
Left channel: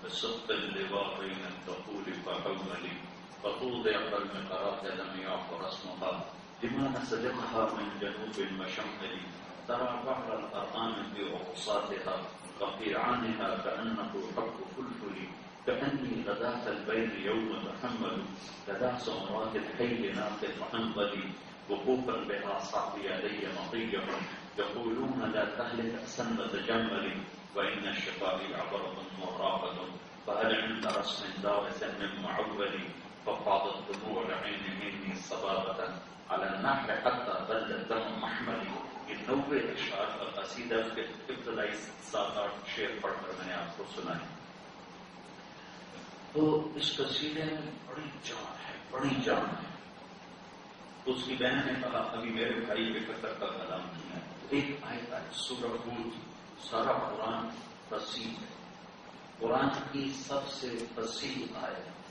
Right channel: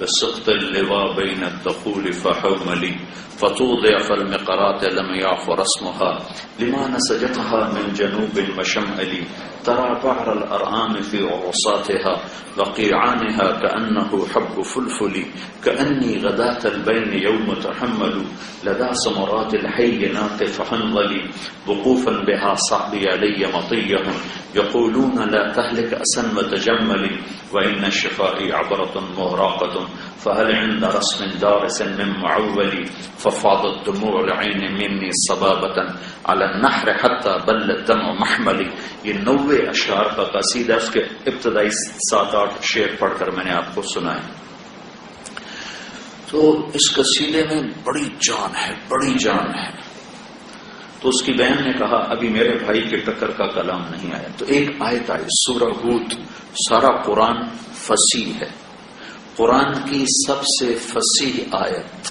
بسقط اللواء بین الدخول فحوملی فتوضع فالمقرات لم يعفر اسمها لما نسجتها من جنوب وشمال ترى بعر الأرآم في عرصاتها وقيعانها كأنه حب فلفل كأني غداة البين يوم تحمل لدى سمرات الحي ناقف حنظلي وقوفا بها صعبي علي مطيهم يقولون لا تهلك أسن وتجمل وإن الشفاء عبرة مهراقة فهل عند رسم دارس من معول ففاضت دموع العين مني صبابة على النحر حتى بل الدمع محملي. یہ 90 اشعار کا قصیدہ، اس کے ابتدائی 7-8 شعر پڑھ کر میں نے آپ کو سنائے. تو اس قصیدے میں بڑی جان ہے، بڑی جان ہے. تو اس کی بہن نے کہا ابھی میرے بھائی کے ٹکر کا کلام نہیں آیا. تو ایک آیت آئی سورہ ہود. سارا قرآن فصیح ہے، قرآن کی سب سے فصیح آیت.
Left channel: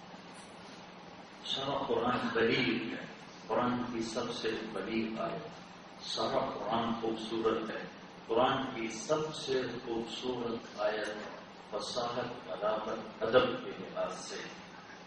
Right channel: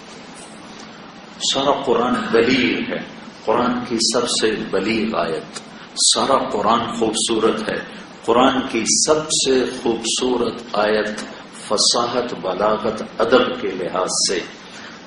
سارا قرآن بلیغ ہے، قرآن کی سب سے بلیغ آیت. سارا قرآن خوبصورت ہے، قرآن کی سب سے خوبصورت آیت فصاحت، بلاغت، ادب کے لحاظ سے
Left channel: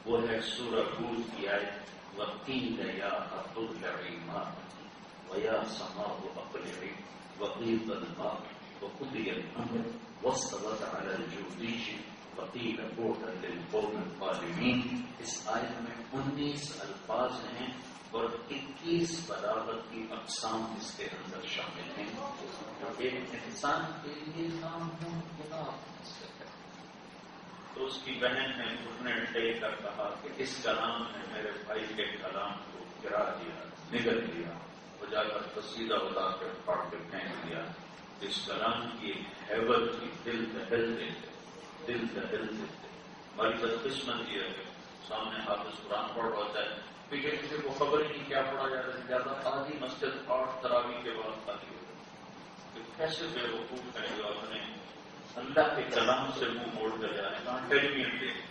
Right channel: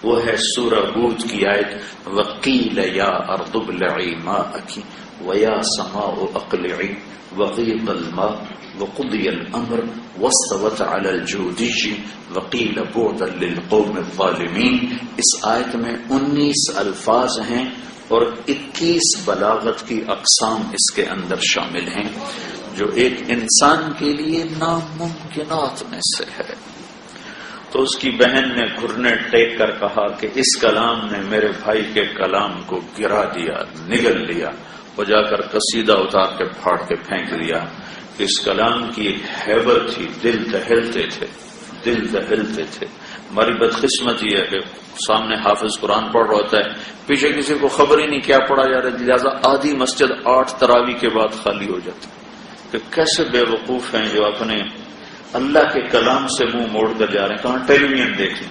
وہ ہے سورہ ہود کی آیت وقیل یا ارض ابلعی ماءکی ویا سماء اقلعی وغیض الماء وقضی الامر واستوت علی الجودی وقیل بعدا للقوم الظالمین. اس آیت میں 19 الفاظ ہیں اور 21 بلاغت کی اقسام اس کے اندر شامل ہیں، جو ایک انسان کے لیے ناممکنات میں سے ہے. تو اس کی بہن نے گھرنے ٹیک کر کہا کہ اس کلام نے میرے بھائی کے کلام کو گرا دیا، نگل لیا، اور جا کر قصیدہ اتار کے پھاڑ کے پھینک دیا. اس کلام کی ایک ہیبت تھی، دل دہلتے تھے، دل دہلتے تھے. ہماری بدقسمت یہ ہے کہ سامنے حافظ قرآن پڑھ رہا ہوتا ہے، پیچھے کسی کو خبر ہی نہیں کیا پڑھا جا رہا ہے، لہٰذا آدھی مسجد 8 تراویح کے بعد خالی ہو جاتی. کہ کیسے بے وقوف ہیں جو اپنے اللہ کے کلام سے منہ موڑ کر جا رہے ہیں. کہاں ٹیلی ویژن دیکھیں،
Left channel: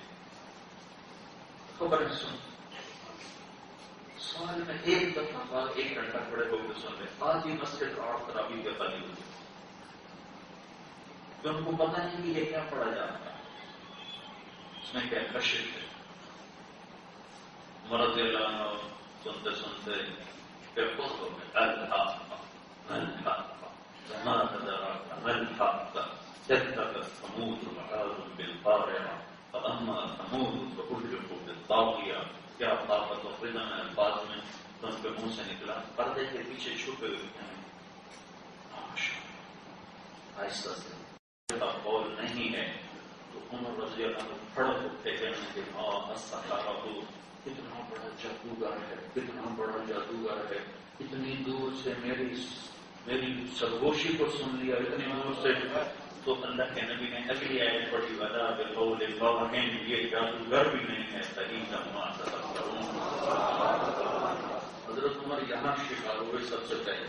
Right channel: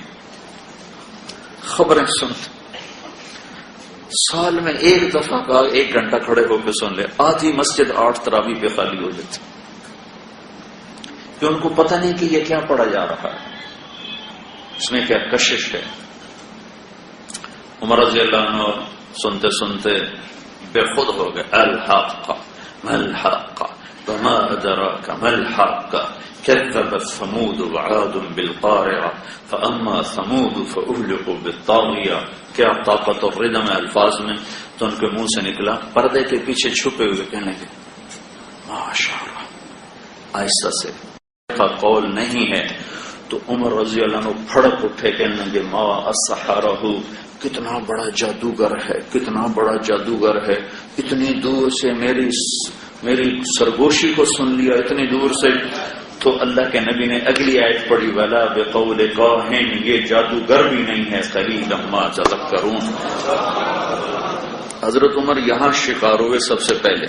خبریں سنتے. سال میں ایک دفعہ کا 1 گھنٹہ کھڑے ہو کے سن لے، آدھی مسجد 8 تراویح پہ خالی ہو جاتی. کہ ان کو پتہ نہیں کہ یہ کیا پڑھا جا رہا ہے، اس میں کیا کشش ہے. عمر رضی اللہ عنہ سنتے سنتے بے خود ہو گئے. الحق ما الحق وما ادراک ما الحق كذبت ثمود وعاد بالقارعة فاما ثمود فاهلكوا بالطاغية. کیا طاقت اور ردم الفاظ میں. تو ان کے منہ سے نکلا پردے کے پیچھے چھپے ہوئے کہنے لگے ماشاء اللہ، آہستہ سے کا قول نہیں ہے. تو عمر رضی اللہ عنہ پھڑک اٹھے کہنے لگے ما السحرہ، کتنا بڑا جادوگر ہے، کتنا بڑا جادوگر ہے. اتنی دور سے میری سرگوشی کو سن لیا، اتنی دور سے. تو اللہ کے نبی نے اگلی آیت پڑھی ولا بقول کاہن، یہ جادوگر بھی نہیں ہے، قلیلا ما تذکرون. حضرت عمر یہاں شکار ہوئے سب سے پہلے.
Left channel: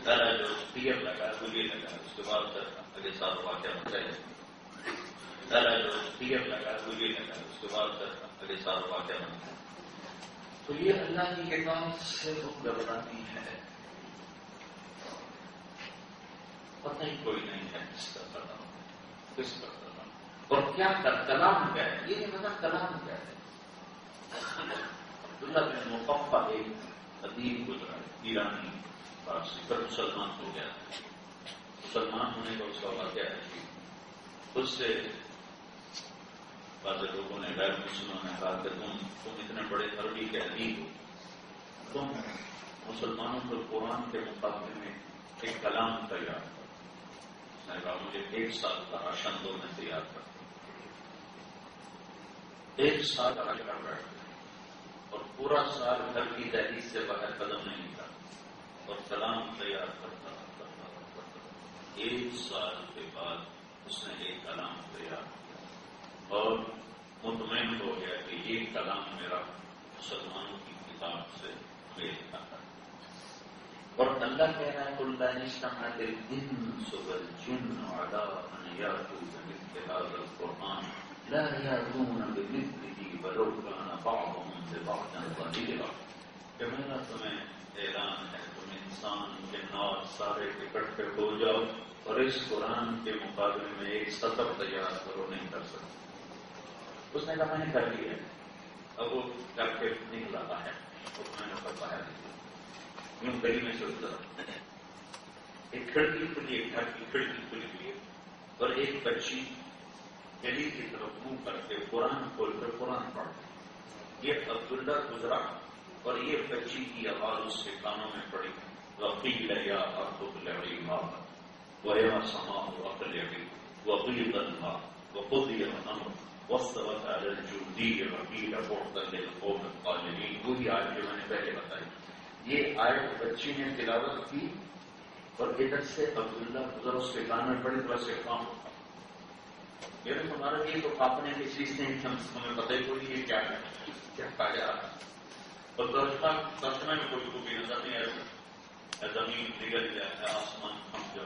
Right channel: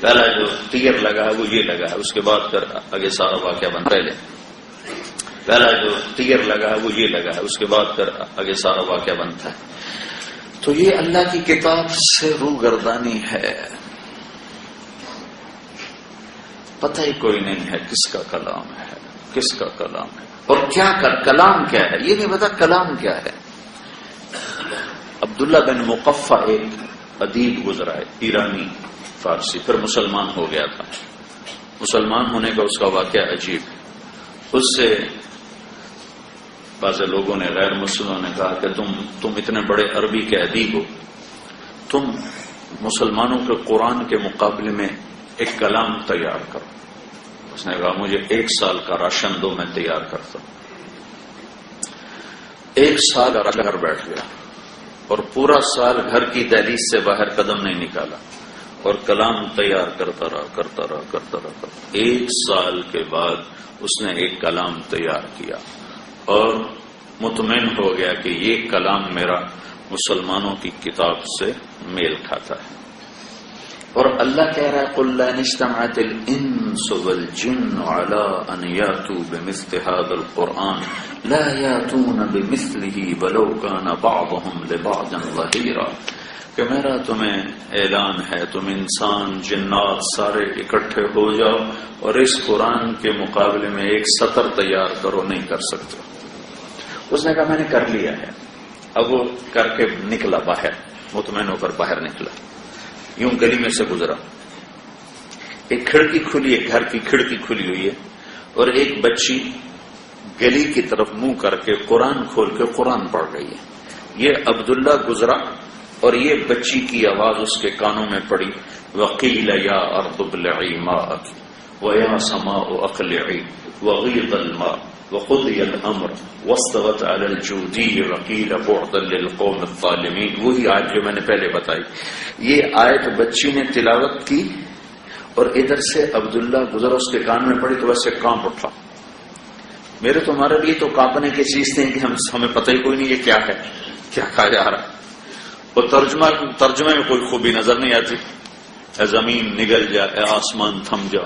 پہلا جو تیر لگا ہے وہ یہ لگا ہے، اس کے بعد پھر آگے سارا واقعہ بن. پہلا جو تیر لگا ہے وہ یہ لگا ہے، اس کے بعد پھر آگے سارا واقعہ بنتا ہے. تو یہ اللہ کی کتاب سے روگردانی ہے. پتہ ہی کوئی نہیں ہے کس کا کلام ہے، کس کا کلام ہے اور کیا کلام کیا ہے، یہ نہیں پتا کلام کیا ہے. عبداللہ بن مقفع ایک ادیب گزرا ہے، ایرانی فارسی، پھر مسلمان ہو گیا تھا. مسلمان ہونے کا اس کا واقعہ عجیب. اس سے بعض لوگوں نے، غیر مسلموں نے کہا کہ تم اتنے بڑے عربی کے ادیب ہو، تم مسلمانوں کے قرآن کے مقابلے میں ایک کلام تیار کرو. اس نے کہا مجھے 1 سال کا راشن دو، میں تیار کرتا ہوں. ایک سال گھر بیٹھ گیا اور پورا سال گھر کی دہلیز سے باہر قدم نہیں نکالا اور کلام تیار کرتا رہا. ایک سال کے بعد اس نے ایک کلام تیار کیا اور مطمئن ہو گیا کہ یہ کلام میرا مسلمانوں کی کتاب سے میل کھاتا ہے. اور اللہ کہہ رہا ہے قُلْ لَا اجْتَمَعَتِ الْإِنسُ وَالْجِنُّ عَلَىٰ أَنْ يَأْتُوا بِمِثْلِ هَٰذَا الْقُرْآنِ لَا يَأْتُونَ بِمِثْلِهِ وَلَوْ كَانَ بَعْضُهُمْ لِبَعْضٍ ظَهِيرًا. کہ میرا تمہیں اعلان ہے تم انسان جنات سارے اکٹھے ہو جاؤ اور اس قرآن کے مقابلے میں ایک سطر تیار کرو، نہیں کر سکتے. اس نے کہا میں نے کر لیا ہے. اب وہ کر کے نکلا باہر، مطمئن ہو کر باہر نکلا، یوں گلی میں سے گزرا. ایک کھڑکی کھلی ہے، گھر کی کھڑکی کھلی ہوئی ہے اور ایک بچی گلی کی طرف منہ کر کے قرآن کھول کے قرآن پڑھ رہی ہے. یہ عبداللہ گزرا اور یہ بچی کی آواز اس کے کانوں میں پڑی وَقِيلَ يَا أَرْضُ ابْلَعِي مَاءَكِ وَيَا سَمَاءُ أَقْلِعِي وَغِيضَ الْمَاءُ وَقُضِيَ الْأَمْرُ وَاسْتَوَتْ عَلَى الْجُودِيِّ وَقِيلَ بُعْدًا لِلْقَوْمِ الظَّالِمِينَ. وہی آیت جو میں نے پہلے بتائی. یہ آیت بچی نے تلاوت کی اور ادھر سے عبداللہ گزرا، اس کے کان میں پڑی تو ویسے کانپ اٹھا. میرے تمہارے لیے تو کانپنے کی چیز تھی کہ ہمیں پتہ ہی کوئی نہیں یہ کیا ہے، کیا کہا جا رہا ہے. اور ترجمے میں کوئی خوبی نظر نہیں آتی. اے زمین نگل جا، اے آسمان تھم جا.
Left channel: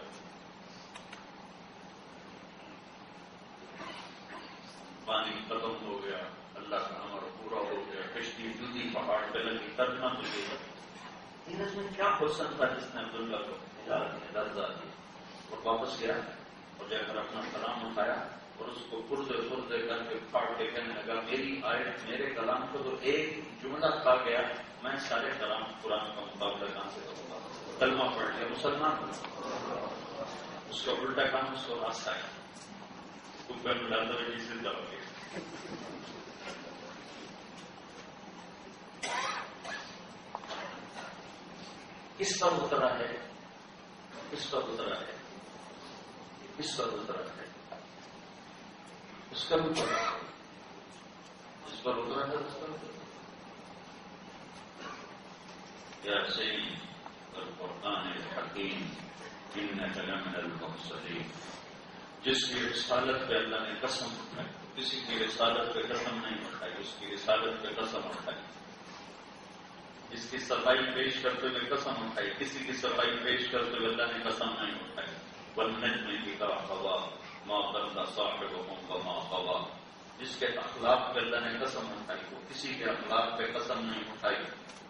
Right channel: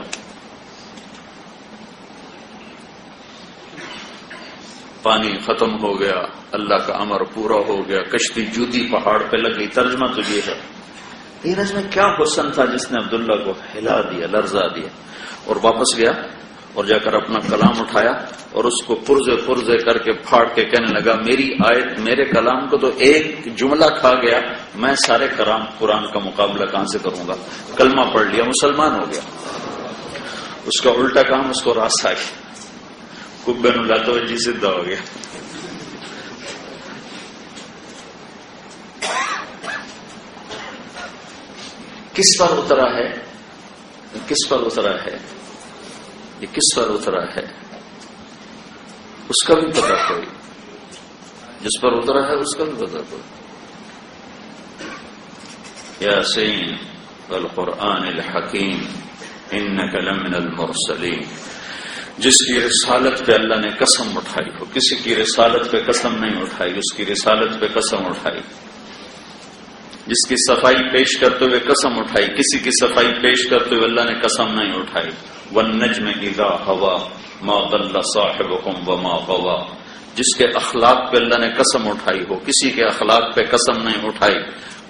پانی ختم ہو گیا، اللہ کا امر پورا ہو گیا، کشتی جودی پہاڑ پہ لگ گئی. ترجمہ تو یہ ہے. اس میں کیا حسن تھا جس نے عبداللہ کو ہلا دیا، لرزا دیا. اور واپس گیا اور جا کر اپنا کلام اٹھایا اور اس کو پرزے کر کے پھاڑ کے کہنے لگا میری آیت، میرے کلام کو تو ایک جملہ کھا گیا، میں سارے قرآن کا مقابلہ کہاں سے کروں گا. کلمہ پڑھ لیا، مسلمان ہو گیا. اس کا الٹا کام اس کو راستہ آ گیا، کبے نو لاتا ہوا جی سدھا ہو گیا. کس پر اترا ہے، کس پر اترا ہے، یہ کس پر اترا ہے اس کا بھی پتہ کوئی، جس پر اترا ہے اس کا بھی پتہ کوئی. یاسین والقرآن الحکیم انک لمن المرسلین. جس کی رسالت پہ اللہ نے قسم اٹھائی ہو، کسی کی رسالت پہ قسم نہیں اٹھائی، اس کی رسالت پہ قسم اٹھائی. جس کی صفائی پیش کرتے ہوئے قسم اٹھائی، کسی کی صفائی پیش کرتے ہوئے اللہ نے قسم نہیں اٹھائی. والنجم اذا ہوا ما ضل صاحبكم وما غوا. جس کے اخلاق پہ اللہ نے قسم اٹھائی ہو، کسی کے اخلاق پہ قسم نہیں اٹھائی.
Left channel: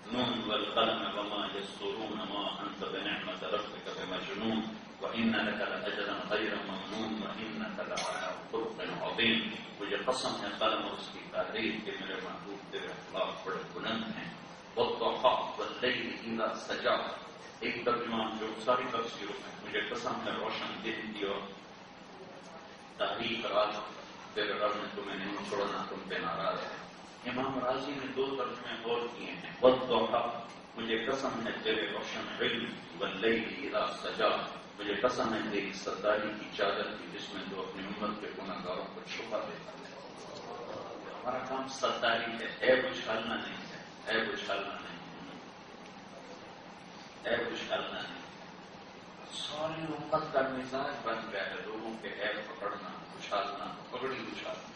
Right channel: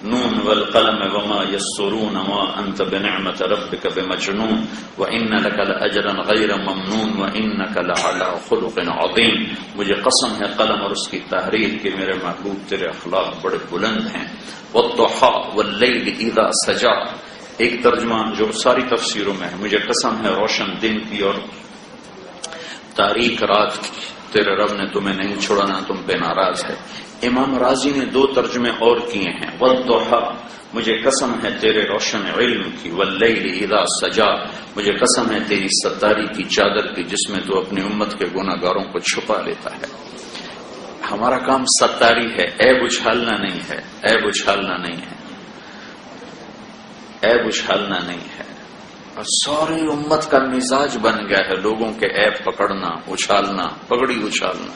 نون والقلم وما يسرون ما انت بنعمت ربك بمجنون وان لك لاجرا غير ممنون وانك لعلى خلق عظيم. مجھے قسم ہے قلم اور اس کی تحریر کہ میرے محبوب تیرے اخلاق بڑے بلند ہیں. والضحى والليل اذا سجى. ایک ترجمہ جو ساری تفسیروں میں ہے، مجھے قسم ہے روشن دن کی اور تاریک رات کی، تیرے رب نے تمہیں نہیں چھوڑا نہ تم پہ ناراض ہے. امام راضی نے دو ترجمے اور کیے ہیں. والضحى مجھے قسم ہے تیرے روشن علم کی. واللیل اذا سجا مجھے قسم ہے تیری ستاری کی چادر کی جس میں تو اپنی امت کے گناہ گاروں کو چھپا لیتا ہے. ہمارا کام ستاری ہے، عیب اچھالنا نہیں ہے، عیب اچھالنا نہیں ہے، عیب اچھالنا نہیں ہے. اور ساری امت کا مزاج بن گیا ہے لوگوں کے عیب پکڑنا، اچھالنا، پگڑی اچھالنا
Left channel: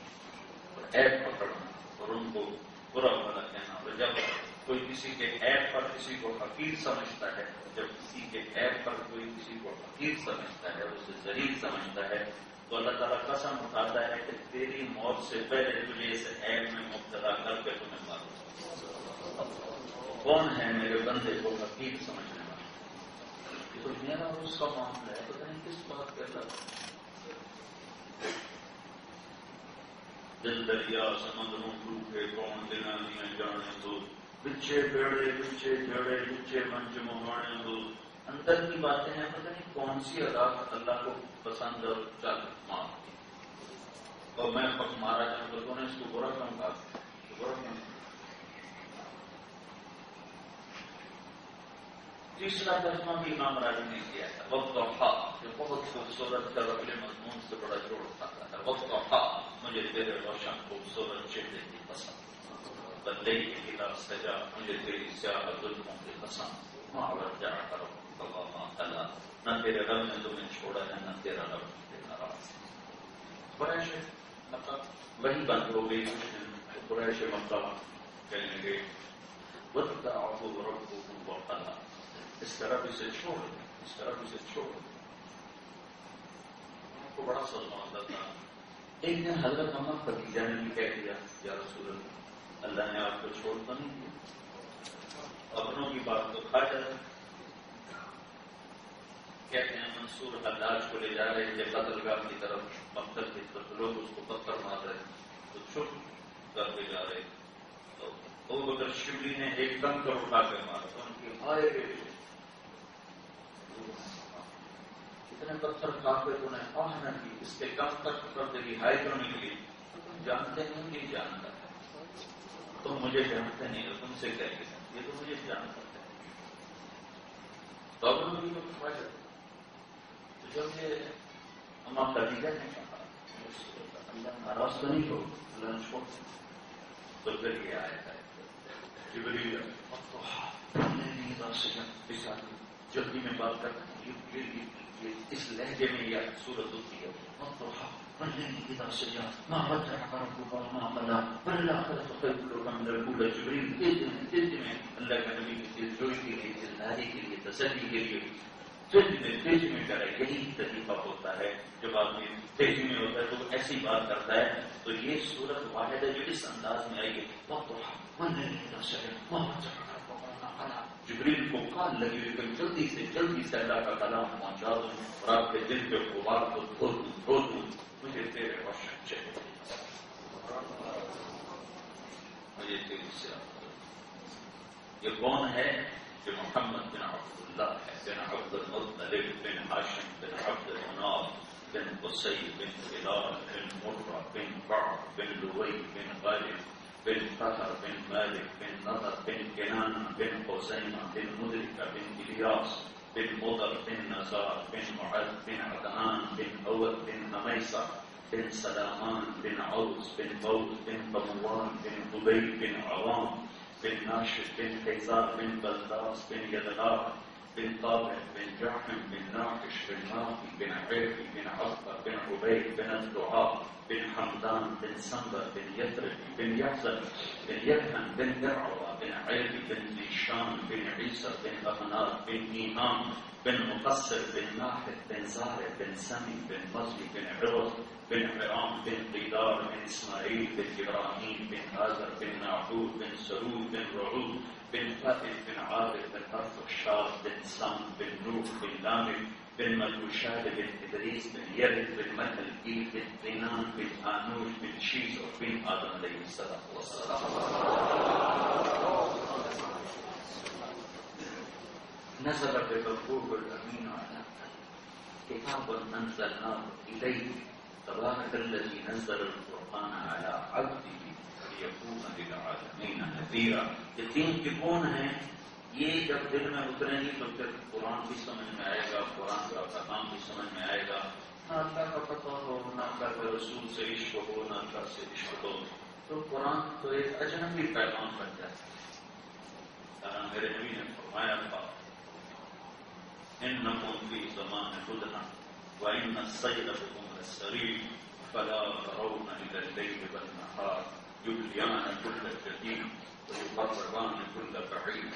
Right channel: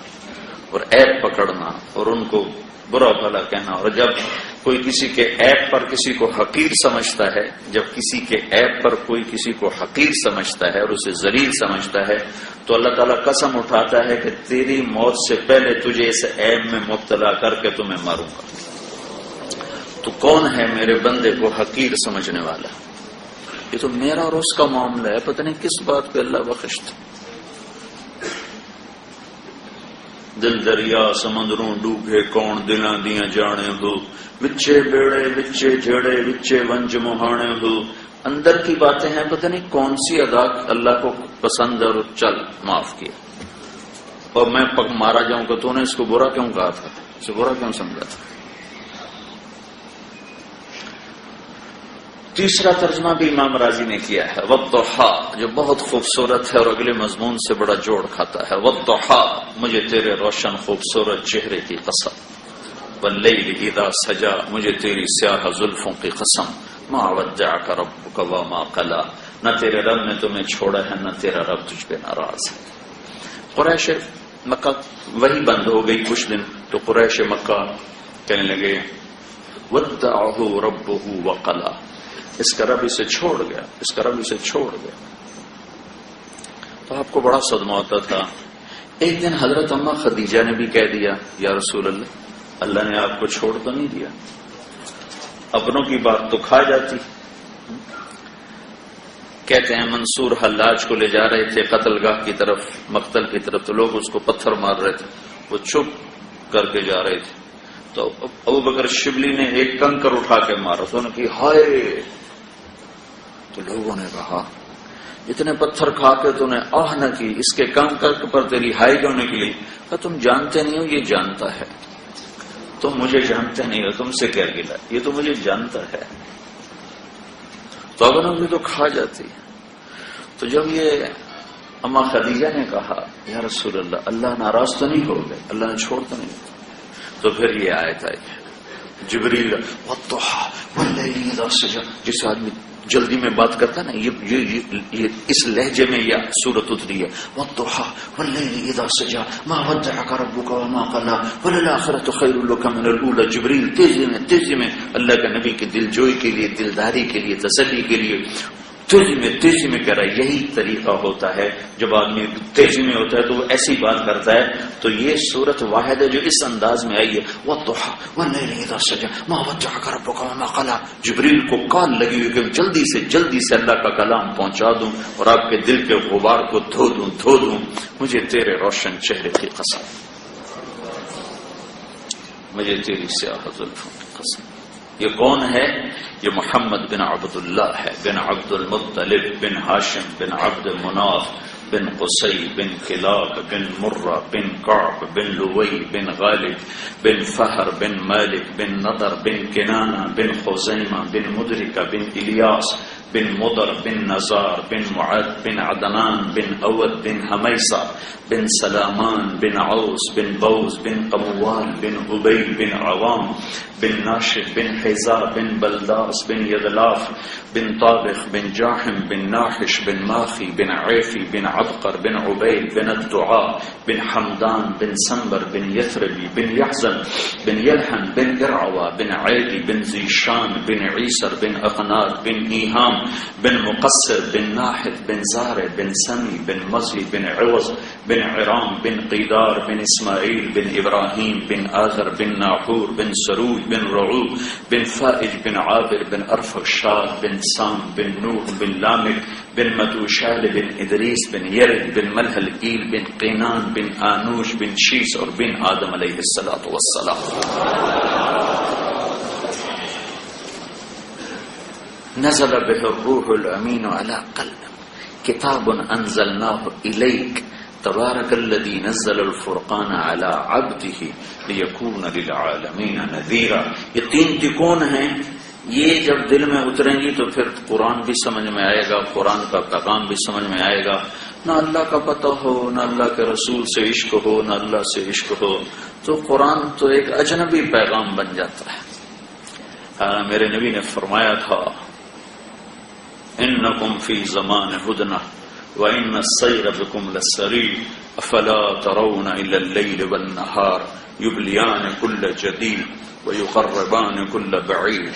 اور عیب پکڑنا اور ان کو برا بھلا کہنا. اور جب کوئی کسی کے عیب پر کسی کو حقیر سمجھتا ہے، جب کسی کے عیب پر کوئی کسی کو حقیر سمجھتا ہے اور اسے ذلیل سمجھتا ہے تو اللہ تعالیٰ قسم اٹھاتا ہے کہ تیری موت سے پہلے تجھے اس عیب میں مبتلا کر کے تمہیں ماروں گا. تو کون ہے میرے بندے کو حقیر سمجھنے والا؟ یہ تو میرا اور اس کا معاملہ ہے، پتہ نہیں کس بات پہ اللہ بخشتا. دل دریا سمندروں ڈوبے کون دلاں دیاں جانے ہو، وچے بیڑے وچے جھڑے وچے ونج مہانے ہو. اندر کی باتیں ہیں، پتہ نہیں کون سی ادا اللہ کو پسند اور چل معاف کیا. اور میں پگ مارا جاؤں کہ تو نے اس کو برا کیوں کہا تھا، اسے برا کیوں سمجھا تھا. تیسرا ترجمہ بھی امام راضی نے کیا ہے والضحا، جو بہت خوبصورت ہے اور اگلے مضمون سے بڑا جوڑ کھاتا ہے. والضحا، مجھے تیرے روشن خوبصورت چہرے کی قسم. واللیل اذا سجا، مجھے تیری سیاہ زلفوں کی قسم. ما ودعک ربک وما قلی، نہ تیرے رب نے تمہیں چھوڑا ہے نہ تیرا رب تجھ پہ ناراض ہے. قریش مکہ وہی بند ہو گئی کچھ دن، تو قریش مکہ کہنے لگے ودعہ ربہ وقلی، اس کا رب اسے چھوڑ گیا، اس کا رب اسے چھوڑ گیا. تو آپ کو بڑا صدمہ ہوتا تھا. ایک دن حضرت اماں خدیجہ نے بھی کہہ دیا یا رسول اللہ، اللہ نے آپ کو چھوڑ تو نہیں دیا، اپنوں کی بات تو کھا جاتی. کہتے ہیں منصور حلاج کو لے جا رہے تھے قتل گاہ کی طرف، مقتل کی طرف، تو لوگ اس کو پتھر مار رہے تھے، وہ چپ کر کے جا رہے تھے. تو ابو بکر شبلی نے ایک کنکر اٹھا کے مارا، تو انہوں نے کہا ہائے. تو لوگوں نے کہا اتنے پتھر کھا کے تو نے آہ نہ کی، اس کے کنکر پر تیری ہائی کیوں نکلی؟ کہا تم جانتے نہیں ہو، یہ جانتا ہے. تم مجھے جانتے نہیں ہو، تم سے کیا گلا، یہ تو مجھے جانتا ہے. تو اگر ہم تو کھا جاتی. تو جب یہ اما خدیجہ نے کہا یا رسول اللہ، اللہ ناراض تو نہیں ہو گئے، اللہ نے چھوڑ تو نہیں، تو پھر یہ آیت آئی جبریل والضحى والليل اذا سجى. جس آدمی جلدی میں بات کرتا ہے نا، یہ اس لہجے میں یہ سورت اتری ہے والضحى والليل اذا سجى ما ودعك ربك وما قلى وللآخرة خير لك من الأولى. جبریل تیزی میں اللہ کے نبی کی دل جوئی کے لیے، دلداری کے لیے، تسلی کے لیے تیزی میں کہہ رہا ہے. یہی طریقہ ہوتا ہے جب آدمی تیزی میں ہوتا ہے تو وہ ایسی بات کرتا ہے. تو یہ صورت واحد ہے جو اس انداز میں آئی ہے والضحى والليل اذا سجى ما ودعك ربك وما قلى. جبریل کو کال لگی ہوئی کہ جلدی سے اللہ کا کلام پہنچا دوں اور آپ کے دل کے غبار کو دھو دوں. مجھے تیرے روشن چہرے کی قسم، مجھے تیری سیاہ زلفوں کی قسم. یہ کون ہے؟ یہ محمد بن عبد اللہ ہے، بن عبد المطلب بن ہاشم بن عبد مناف بن قصی بن کلاب بن مرہ بن کعب بن لوی بن غالب بن فہر بن مالک بن نضر بن کنانہ بن خزیمہ بن مدرکہ بن الیاس بن مضر بن نزار بن معد بن عدنان بن اود بن حمیصہ بن سلامان بن عوس بن بوز بن قموال بن عبی بن عوام بن ناشد بن حیزا بن بلداس بن یغلاف بن طابخ بن جاحم بن ناحش بن ماخی بن عیفی بن عبقر بن عبید بن الدعاء بن حمدان بن سنبر بن یثربی بن یحزن بن یلحن بن ارعوا بن عیدی بن زیشان بن عیسر بن اقنار بن ایہام بن مقصر بن ناحد بن زارع بن سمی بن مزی بن عوض بن عرام بن قیدار بن اسماعیل بن ابراہیم بن آذر بن ناحور بن سروج بن رعوب بن فائج بن عابر بن ارفشاد بن سام بن نوح بن لامک بن مدوشال بن ادریس بن یرد بن ملحل ایل بن قینان بن آنوش بن شیس اور بن آدم علیہ السلام. نزل به الروح الامین علی قلبک کتاب انزلناه الیک تبارک الذی نزل الفرقان علی عبده لیکون للعالمین نذیرا. یہ تین تکون ہیں، یہ جب دل میں اتریں گی تو پھر قرآن بھی سمجھ میں آئے گا، قرآن کا پیغام بھی سمجھ میں آئے گا. نہ اللہ کا پتہ ہو، نہ اللہ کے رسول سے عشق ہو، نہ اللہ سے عشق ہو، تو قرآن تو ایک اجنبی پیغام بن جاتا ہے. میرے نبی نے فرمایا تھا انکم فی زمان ہدنہ وَإِنَّ السَّيْرَ بِكُمْ لَسَّرِيعٌ أَفَلَا تَرَوْنَ إِلَى اللَّيْلِ وَالنَّهَارِ يُبْلِيَانِ كُلَّ جَدِيدٍ وَيُقَرِّبَانِ كُلَّ بَعِيدٍ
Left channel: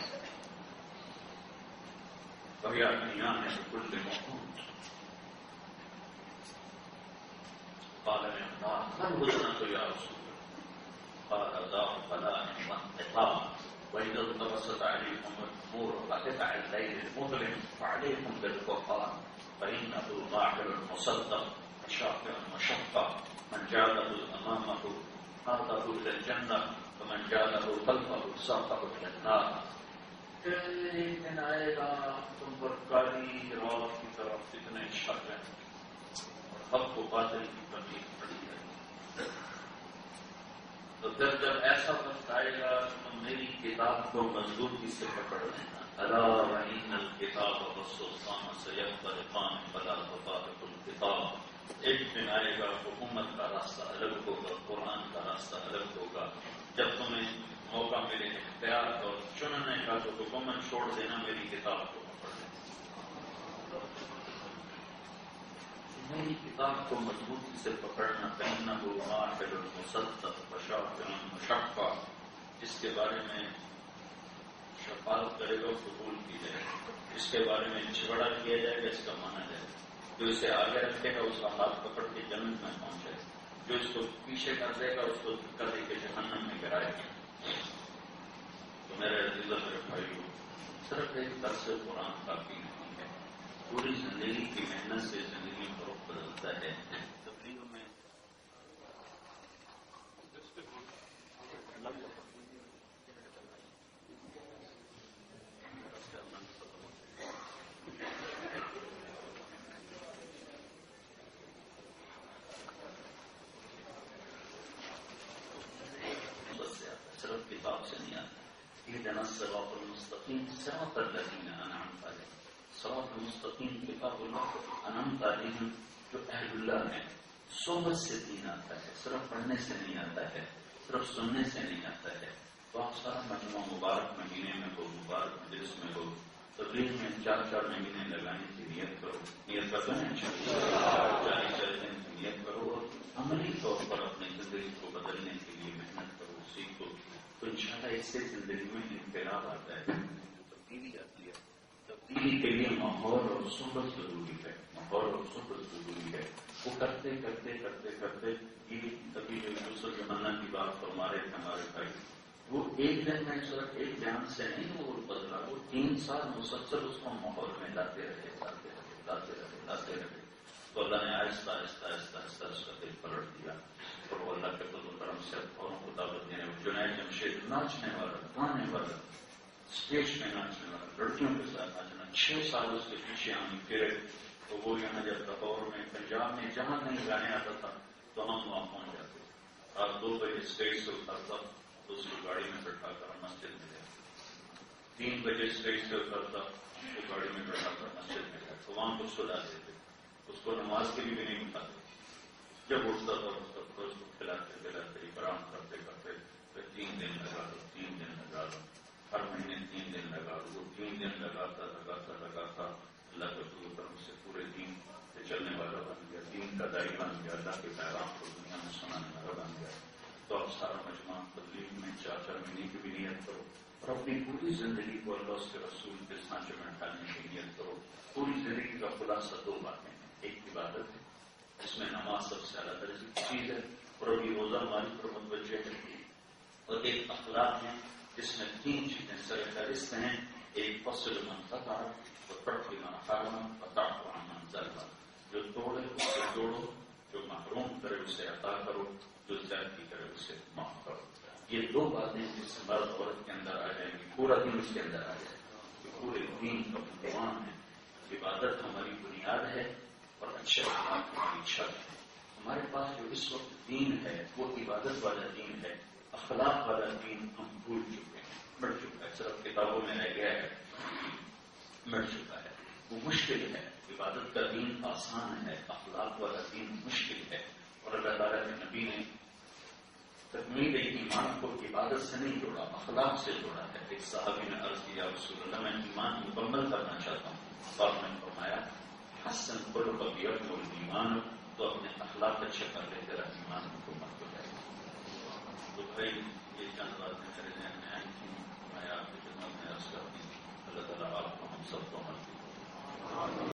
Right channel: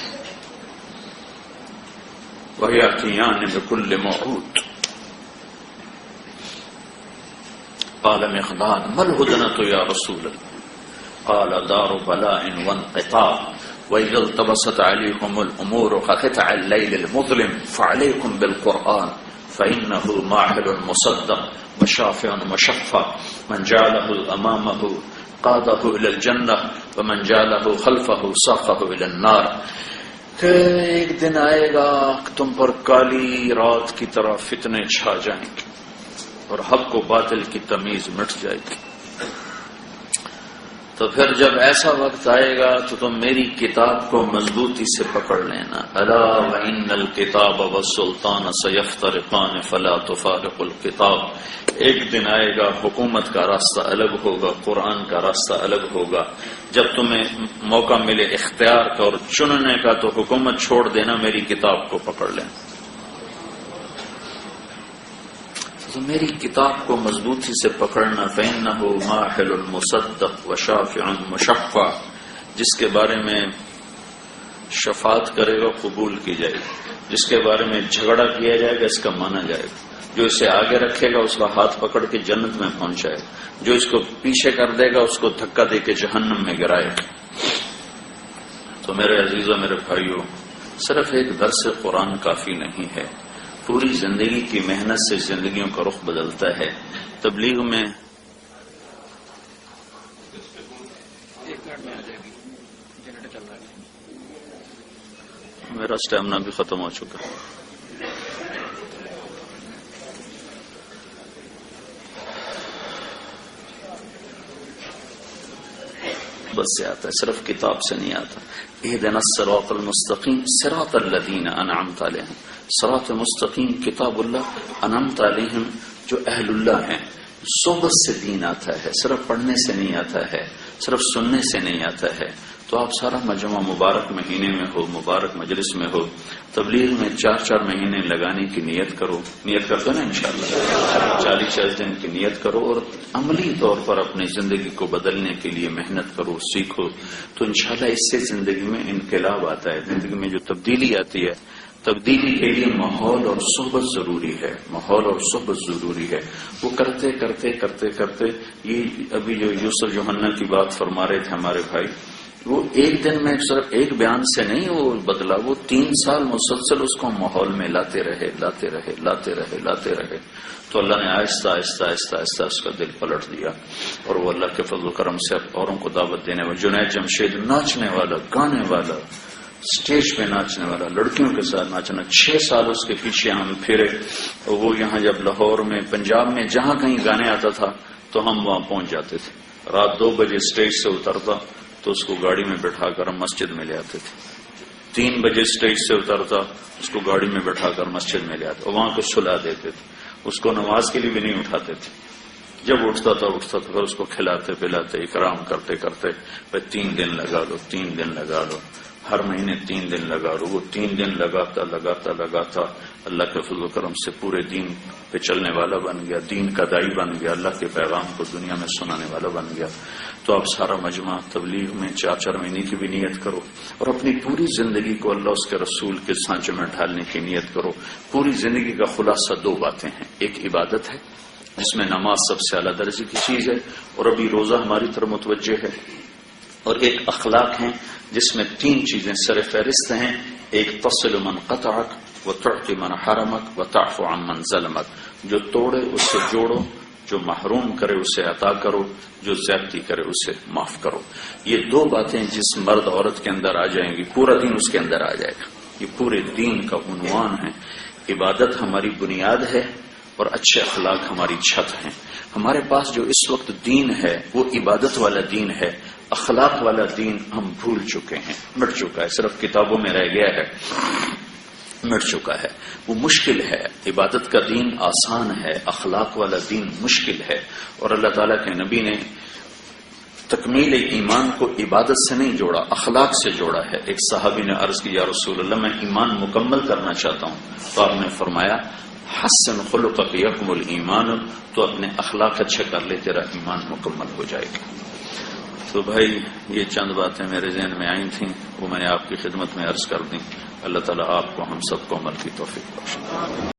وَيَأْتِيَانِ بِكُلِّ مَوْعُودٍ. قال مقداد ما الهدنة يا رسول الله؟ قال دار بلاء وانقطاع وإذا التبست عليكم الأمور كقطع الليل المظلم فعليكم بالقرآن فإنه ماحل مصدق وشافع مشفع من جعله أمامه قاده إلى الجنة ومن جعله خلفه ساقه إلى النار. کہ ایک دن آئے گا تم پر کالی رات کی طرح فتنے چھا جائیں گے اور حق و باطل کی تمیز مٹ جائے گی. تو پھر جب ایسا وقت آئے گا تو تم میری کتاب کو مضبوطی سے پکڑ لینا. الا وان الکتاب والسلطان سیفترقان فلا تفارق الکتاب. ایک دن آئے گا حکومت کا راستہ الگ ہوگا، قرآن کا راستہ الگ ہوگا. جب تمہیں موقع ملے اختیار کا اور چننے کا تو حکومت چھوڑ دینا، میری کتاب کو پکڑ لینا. تو میری کتاب کو مضبوطی سے پکڑنا. فإنه ماحل مصدق وشافع مشفع. جس کے بارے میں شفاعت کرے گا قبول کی جائے گی، جس کے بارے میں جھگڑا کیا جائے گا اس کا مانا جائے گا. جو اسے آگے رکھے گا اس کا ہاتھ پکڑ کے جنت میں پہنچائے گا، جو اس کو پیچھے کر دے گا اس کو دھکا دے کے جہنم میں گرائے گا. تو میرے عزیزوں، میرے بھائیوں، صرف ایک درس قرآن کافی نہیں ہے. پوری زندگی کی محنت سے زندگیوں کا رخ بدلتا ہے. تبلیغ میں میرا اسٹیمنا بھی ختم ہو چکا ہے. بس سے آتا ہے، صرف کتاب سے نہیں آتا. اہدنا الصراط المستقیم صراط الذین انعمت علیہم. صراط مستقیم کتاب اللہ، انعمت علیہم جو اہل اللہ ہیں. صحبت سے دین آتا ہے، صرف پڑھنے سے نہیں آتا ہے، صرف سننے سے نہیں آتا ہے. تو آپ سارا مجمع مبارک مہینے میں ہو، مبارک مجلس میں ہو، تبلیغ میں 4 مہینے لگانے کی نیت کرو. نیت کر دو نا انشاءاللہ. 40 دن کی نیت کرو اور عملی طور پر اپنی زندگی کو بدلنے کے لیے محنت کرو، سیکھو. تو انشاءاللہ اس سے زندگی میں انقلاب آتا ہے. زندگی میں جو تبدیلی آتی ہے، تبدیلی کے لیے ماحول اور صحبت ضروری ہے. ماحول اور صحبت ضروری ہے. وہ کرتے کرتے کرتے کرتے یہ ابھی جو یوسف یوحنا کی بات فرما رہے تھے ہمارے بھائی، وہ ایک دن میں صرف ایک بیان سے نہیں وہ بدلا. وہ 3 سال مسلسل اس کو ماحول میں لاتے رہے. تو اللہ نے آہستہ آہستہ آہستہ آہستہ اس کا دل پلٹ دیا اور وہ اللہ کے فضل و کرم سے اوروں کو دعوت دینے والا. جنید جمشید ناچنے والا، گانے والا، اسٹیج پہ ناچنے والا، لڑکیوں کے ساتھ ناچنا. 6 سال اس کے پیچھے ہم پھرے. وہ یہاں جب لاہور میں، پنجاب میں جہاں کہیں گانے آتا تھا تو ہم وہاں پہنچ جاتے تھے. رات 2 بجے اسٹیج سے اترتا تو اس کو گاڑی میں بٹھا کر ہم مسجد میں لے آتے تھے. 3 بجے اسٹیج سے اترتا اس کو گاڑی میں بٹھا کر مسجد میں لے آتے، وہاں کو سلا دیتے تھے. اس کو نماز کے لیے بھی نہیں اٹھاتے تھے. جب اٹھتا تھا پھر اس کو کھلاتے پلاتے اکرام کرتے کرتے 3 دن لگا لو، 3 دن لگا لو، ہر مہینے 3 دن لگا لو. وہ 3 دن لگاتا اللہ کے فضل و کرم سے پورے دین پہ چلنے والا بن گیا، دین کا دائی بن گیا، اللہ کے پیغام کو دنیا میں سنانے والا بن گیا. تو آپ سارا مجمع تبلیغ میں 4 مہینے کی بھی نیت کرو اور اپنی پوری زندگی کو اللہ اس کے رسول کے سانچے میں ڈھالنے کی نیت کرو. پوری زندگی کا خلاصہ 2 باتیں ہیں. ایک عبادت ہے جس میں نماز سب سے اعلیٰ درجے کی چیز ہے اور ابھی روزہ ہماری طرف متوجہ ہے. اور ایک اخلاق ہیں جس میں 3 چیزیں سر فہرست ہیں. ایک تصل من قطعک وتعطی من حرمک وتعفو عن من ظلمک. جو توڑے اس سے جوڑو، جو محروم کرے اسے عطا کرو، جو زیادتی کرے اسے معاف کرو. یہ 2 باتیں جس مرد عورت کے اندر آ جائیں گی پورا دین اس کے اندر آ جائے گا. یہ پورے دین کا عنوان ہے. عبادت ہماری بنیاد ہے اور اچھے اخلاق ہماری چھت ہیں. ہمارے پاس جو اس وقت دین ہے وہ عبادت والا دین ہے. اخلاق والا دین ہم بھول چکے ہیں، مٹ چکا ہے، صرف کتابوں میں رہ گیا ہے، مٹ چکا ہے. وہ مشکل ہے. عبادت کا دین آسان ہے، اخلاق والا دین مشکل ہے. اور اللہ تعالیٰ کے نبی نے تکمیل ایمان کو عبادت سے نہیں جوڑا، اخلاق سے جوڑا ہے. ایک صحابی نے عرض کی یا رسول اللہ میں ایمان مکمل کرنا چاہتا ہوں. تو آپ نے فرمایا حسن خلقک یکمل ایمان. تو اپنے اخلاق اچھے کر لے، تیرا ایمان مکمل ہو جائے گا. تو بھائی یہ چند باتیں میرے ذہن میں آئی تھیں، وہ میں نے آپ کی خدمت میں عرض کر دیں. اللہ تعالیٰ آپ کو ہم سب کو عمل کی توفیق بخشے.